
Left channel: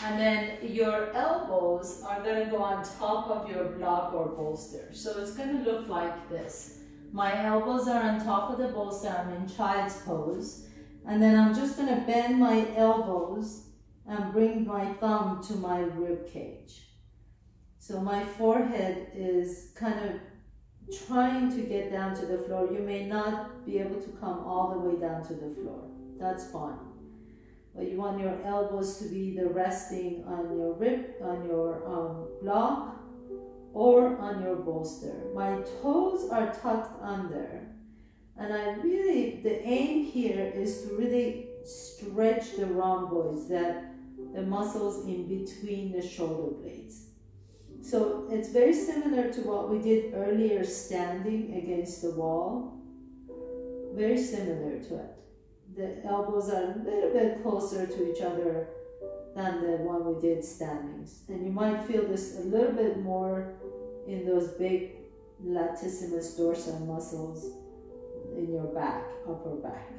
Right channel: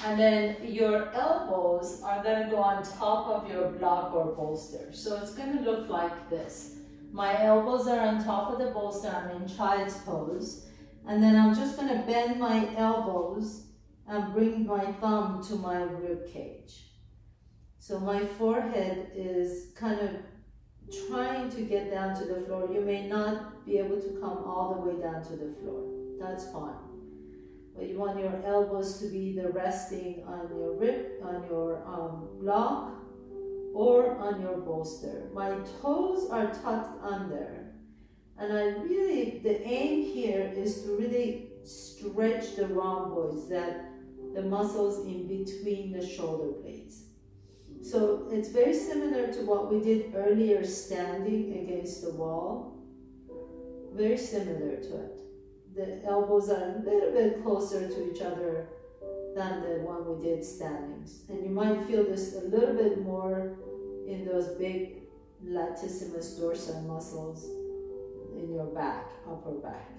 And then your elbows are going to go on top of your block or bolster. So it's going to look like this. My elbows are on top of the bolster, I'm in child's pose. And then I'm just going to bend my elbows and bring my thumb to my rib cage. So my forehead is kind of trying to get down to the floor. You may not be able to come all the way down to the floor. That's fine. But you want your elbows to be either resting on your rib, on your block, or on your bolster. My toes are tucked under. And the aim here is to really stretch the rhomboids, the muscles in between the shoulder blades. So it's very similar to what we did earlier, standing against the wall. Very similar to it. The elbows are a little bit closer to each other than the one we did standing. And you might feel this a little bit more in those big latissimus dorsi muscles in your back, upper back.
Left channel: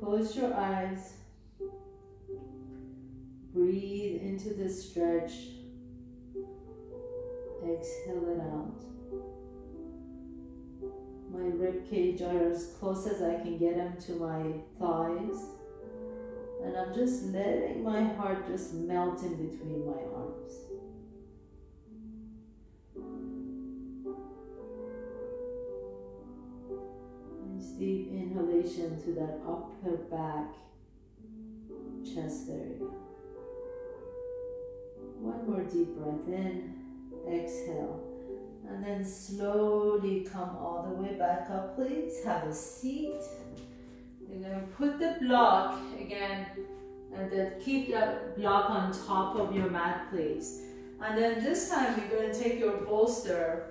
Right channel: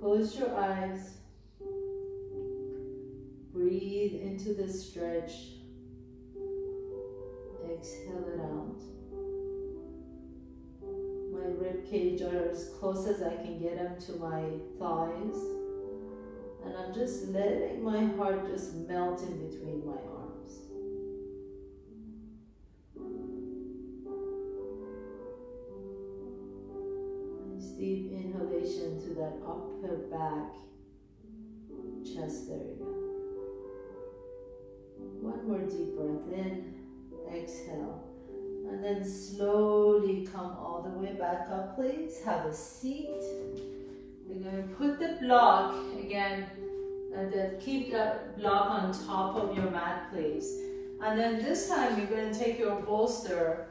Close your eyes. Breathe into the stretch. Exhale it out. My rib cage are as close as I can get them to my thighs. And I'm just letting my heart just melt in between my arms. Nice deep inhalation to that upper back, chest area. One more deep breath in, exhale. And then slowly come all the way back up, please. Have a seat. You're going to put the block again, and then keep that block on top of your mat, please. And then this time you're going to take your bolster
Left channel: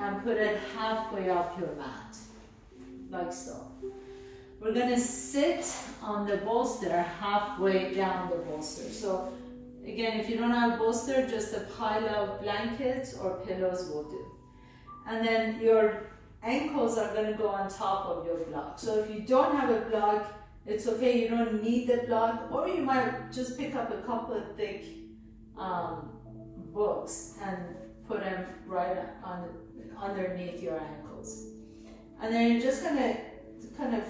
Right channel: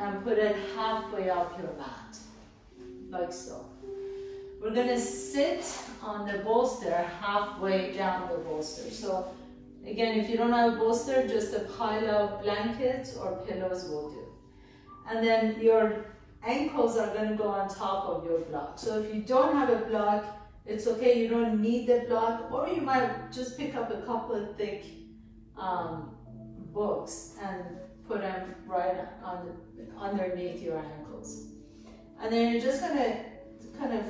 and put it halfway up your mat, like so. We're going to sit on the bolster halfway down the bolster. So again, if you don't have a bolster, just a pile of blankets or pillows will do. And then your ankles are going to go on top of your block. So if you don't have a block, it's okay, you don't need the block, or you might just pick up a couple of thick books and put them right on underneath your ankles. And then you're just going to kind of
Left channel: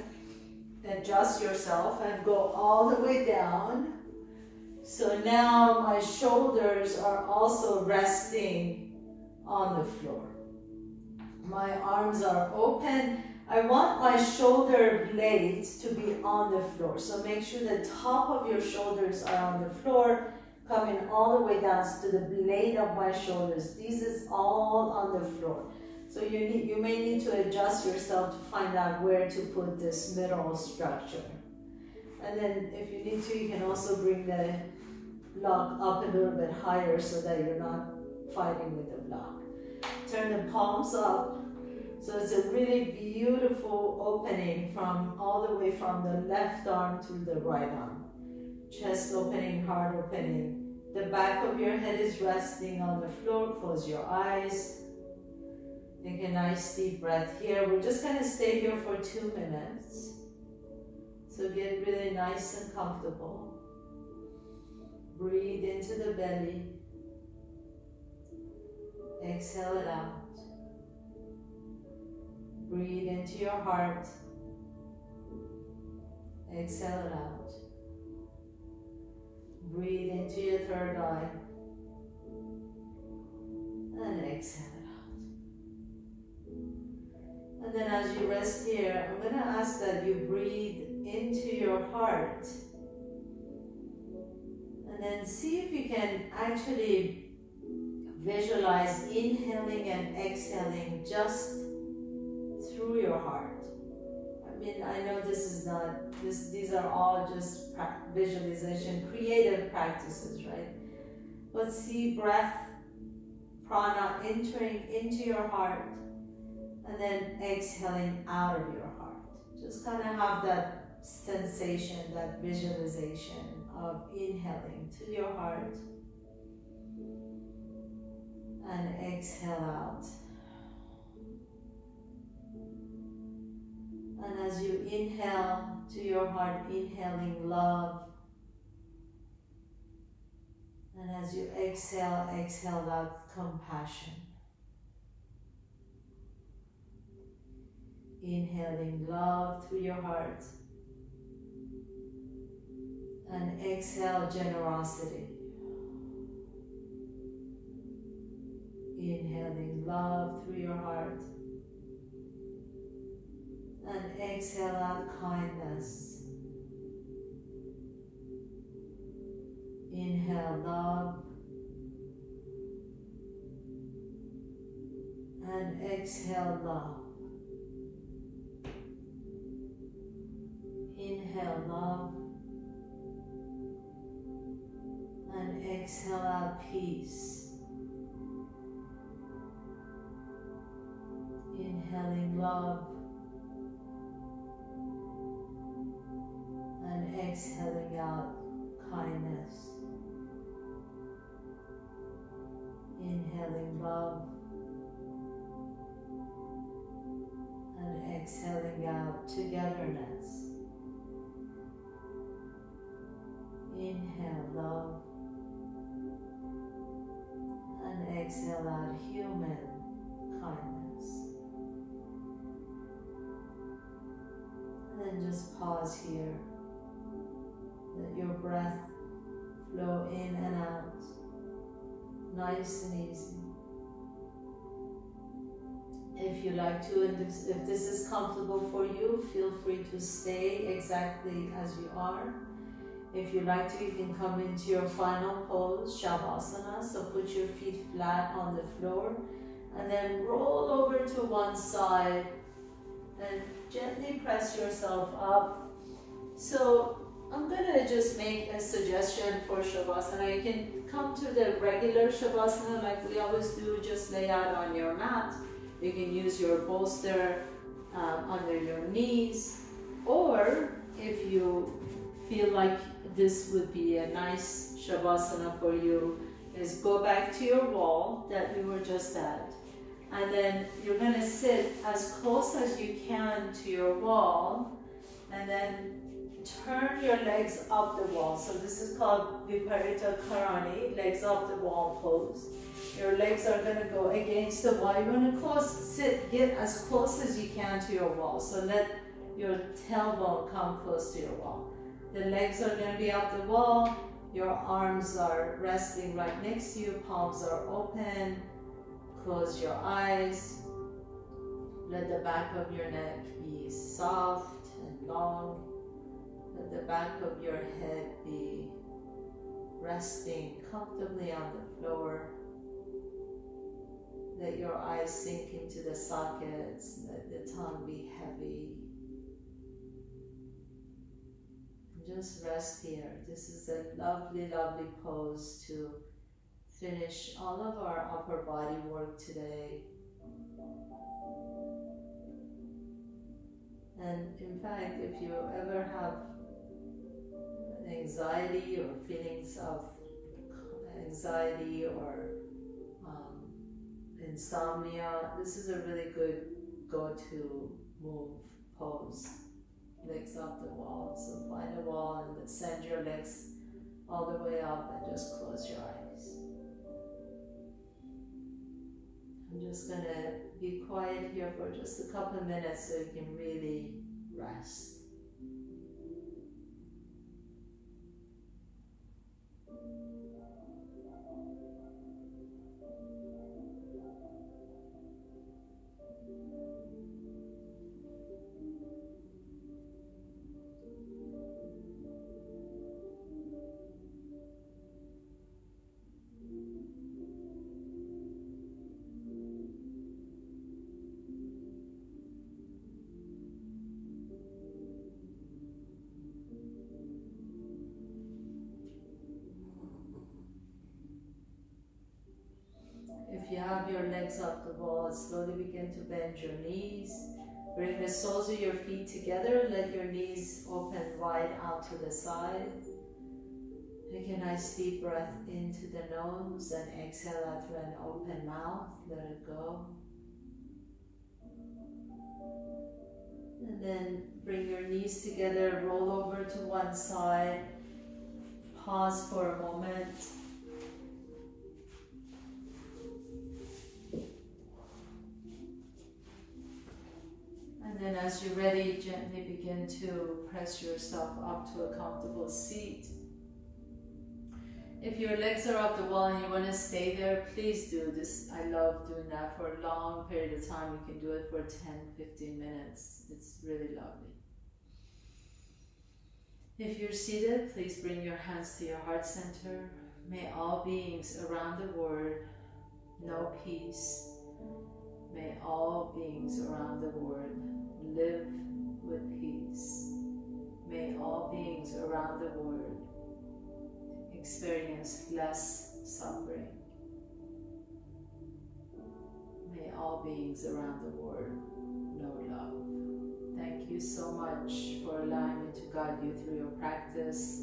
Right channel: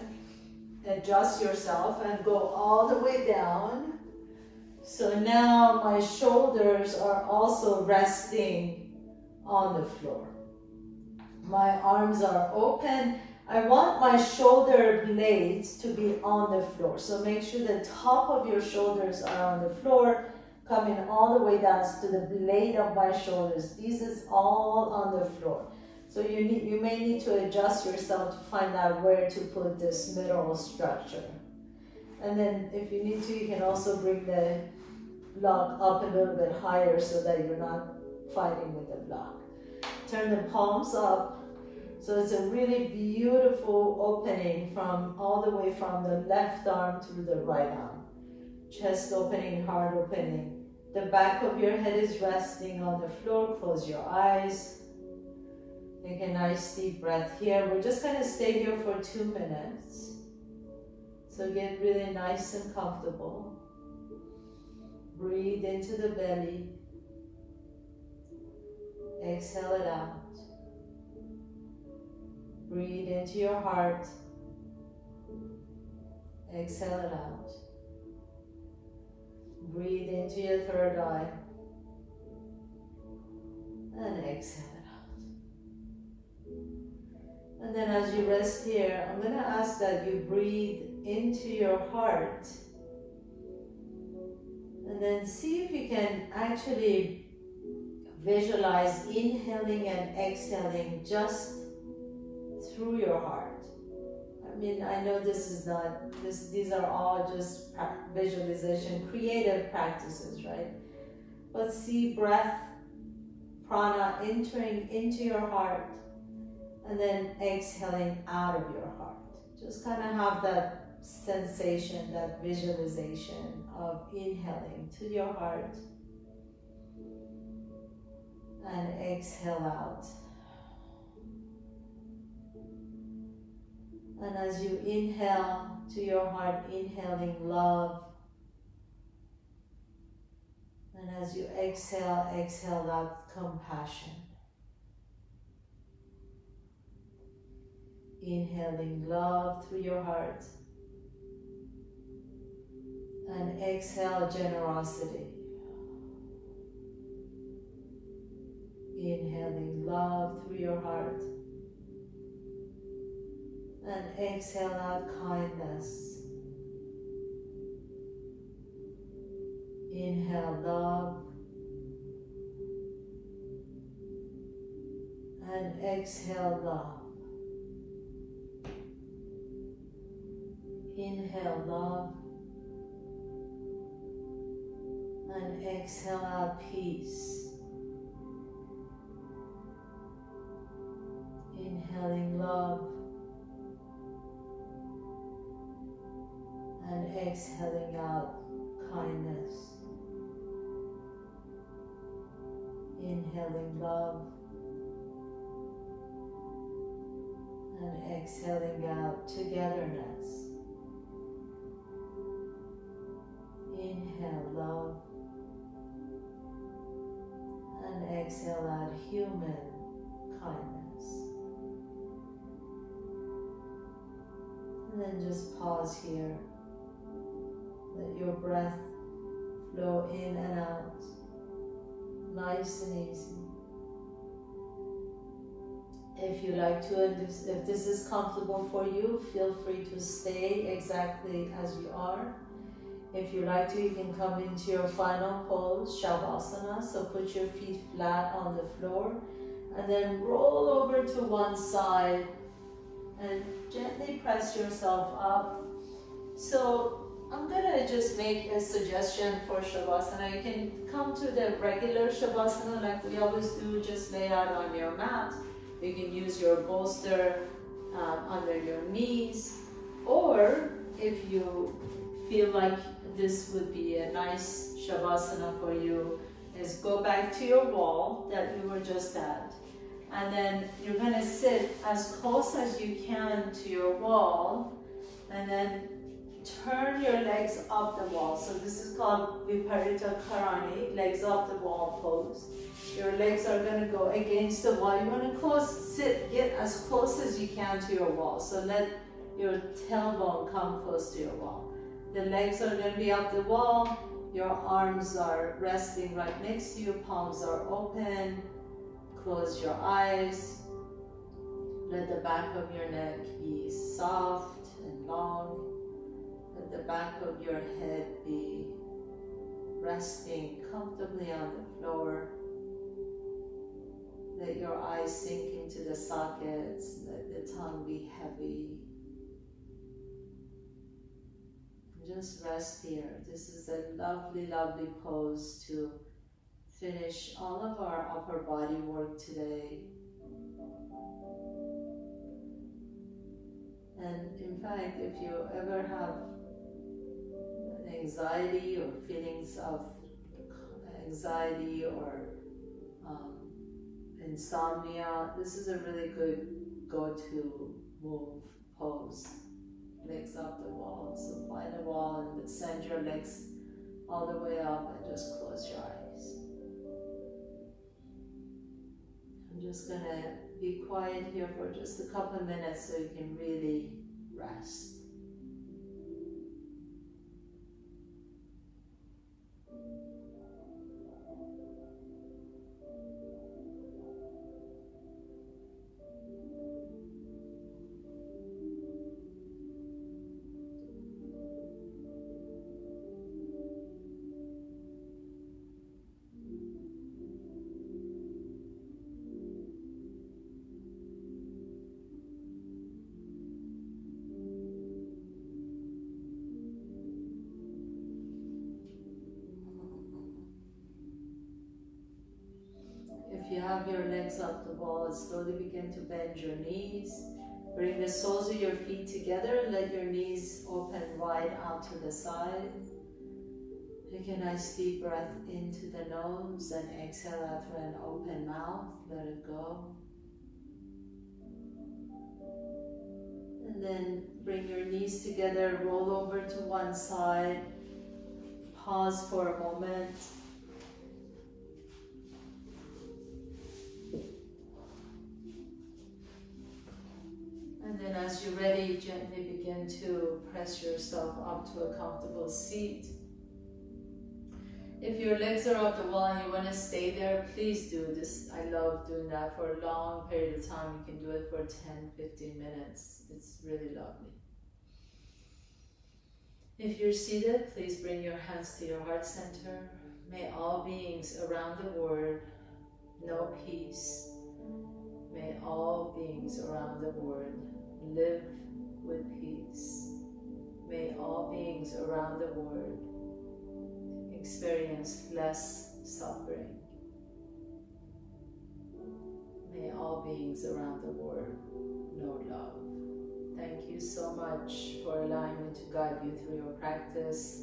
adjust yourself and go all the way down. So now my shoulders are also resting on the floor. My arms are open. I want my shoulder blades to be on the floor. So make sure the top of your shoulders are on the floor, coming all the way down to the blade of my shoulders. This is all on the floor. So you may need to adjust yourself to find out where to put this middle structure. And then if you need to, you can also bring the block up a little bit higher so that you're not fighting with the block. Turn the palms up. So it's a really beautiful opening from all the way from the left arm to the right arm. Chest opening, heart opening. The back of your head is resting on the floor. Close your eyes. Take a nice deep breath here. We're just going to stay here for 2 minutes. So get really nice and comfortable. Breathe into the belly. Exhale it out. Breathe into your heart. Exhale it out. Breathe into your third eye. And exhale it out. And then as you rest here, I'm going to ask that you breathe into your heart. And then see if you can actually visualize inhaling and exhaling just through your heart. I mean, I know this is not, these are all just visualization, creative practices, right? But see breath, prana entering into your heart and then exhaling out of your heart. Just kind of have that sensation, that visualization of inhaling to your heart and exhale out. And as you inhale to your heart, inhaling love. And as you exhale, exhale out compassion. Inhaling love through your heart. And exhale generosity. Inhaling love through your heart. And exhale out kindness. Inhale love. And exhale love. Inhale love. And exhale out peace. Inhaling love. And exhaling out kindness. Inhaling love. And exhaling out togetherness. Inhale love. And exhale out human kindness. And then just pause here. Let your breath flow in and out, nice and easy. If you like to, and if this is comfortable for you, feel free to stay exactly as you are. If you like to, you can come into your final pose, Shavasana. So put your feet flat on the floor and then roll over to one side and gently press yourself up. So I'm gonna just make a suggestion for Shavasana. You can come to the regular Shavasana like we always do, just lay out on your mat. You can use your bolster under your knees, or if you feel like this would be a nice Shavasana for you, is go back to your wall that you were just at. And then you're gonna sit as close as you can to your wall, and then turn your legs up the wall. So this is called Viparita Karani, legs up the wall pose. Your legs are going to go against the wall. You want to get as close as you can to your wall. So let your tailbone come close to your wall. The legs are going to be up the wall. Your arms are resting right next to you. Palms are open. Close your eyes. Let the back of your neck be soft and long. Let the back of your head be resting comfortably on the floor. Let your eyes sink into the sockets. Let the tongue be heavy. Just rest here. This is a lovely, lovely pose to finish all of our upper body work today. And in fact, if you ever have anxiety or feelings of anxiety or insomnia, this is a really good go-to move pose. Legs up the wall. So find a wall and send your legs all the way up and just close your eyes. I'm just going to be quiet here for just a couple minutes so you can really rest. If you have your legs up the wall, slowly begin to bend your knees. Bring the soles of your feet together. Let your knees open wide out to the side. Take a nice deep breath into the nose and exhale out through an open mouth. Let it go. And then bring your knees together. Roll over to one side. Pause for a moment. And then as you're ready, gently begin to press yourself up to a comfortable seat. If your legs are off the wall and you want to stay there, please do this. I love doing that for a long period of time. You can do it for 10-15 minutes. It's really lovely. If you're seated, please bring your hands to your heart center. May all beings around the world know peace. May all beings around the world live with peace. May all beings around the world experience less suffering. May all beings around the world know love. Thank you so much for allowing me to guide you through your practice.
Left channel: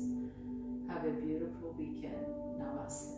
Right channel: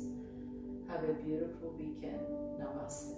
Have a beautiful weekend. Namaste.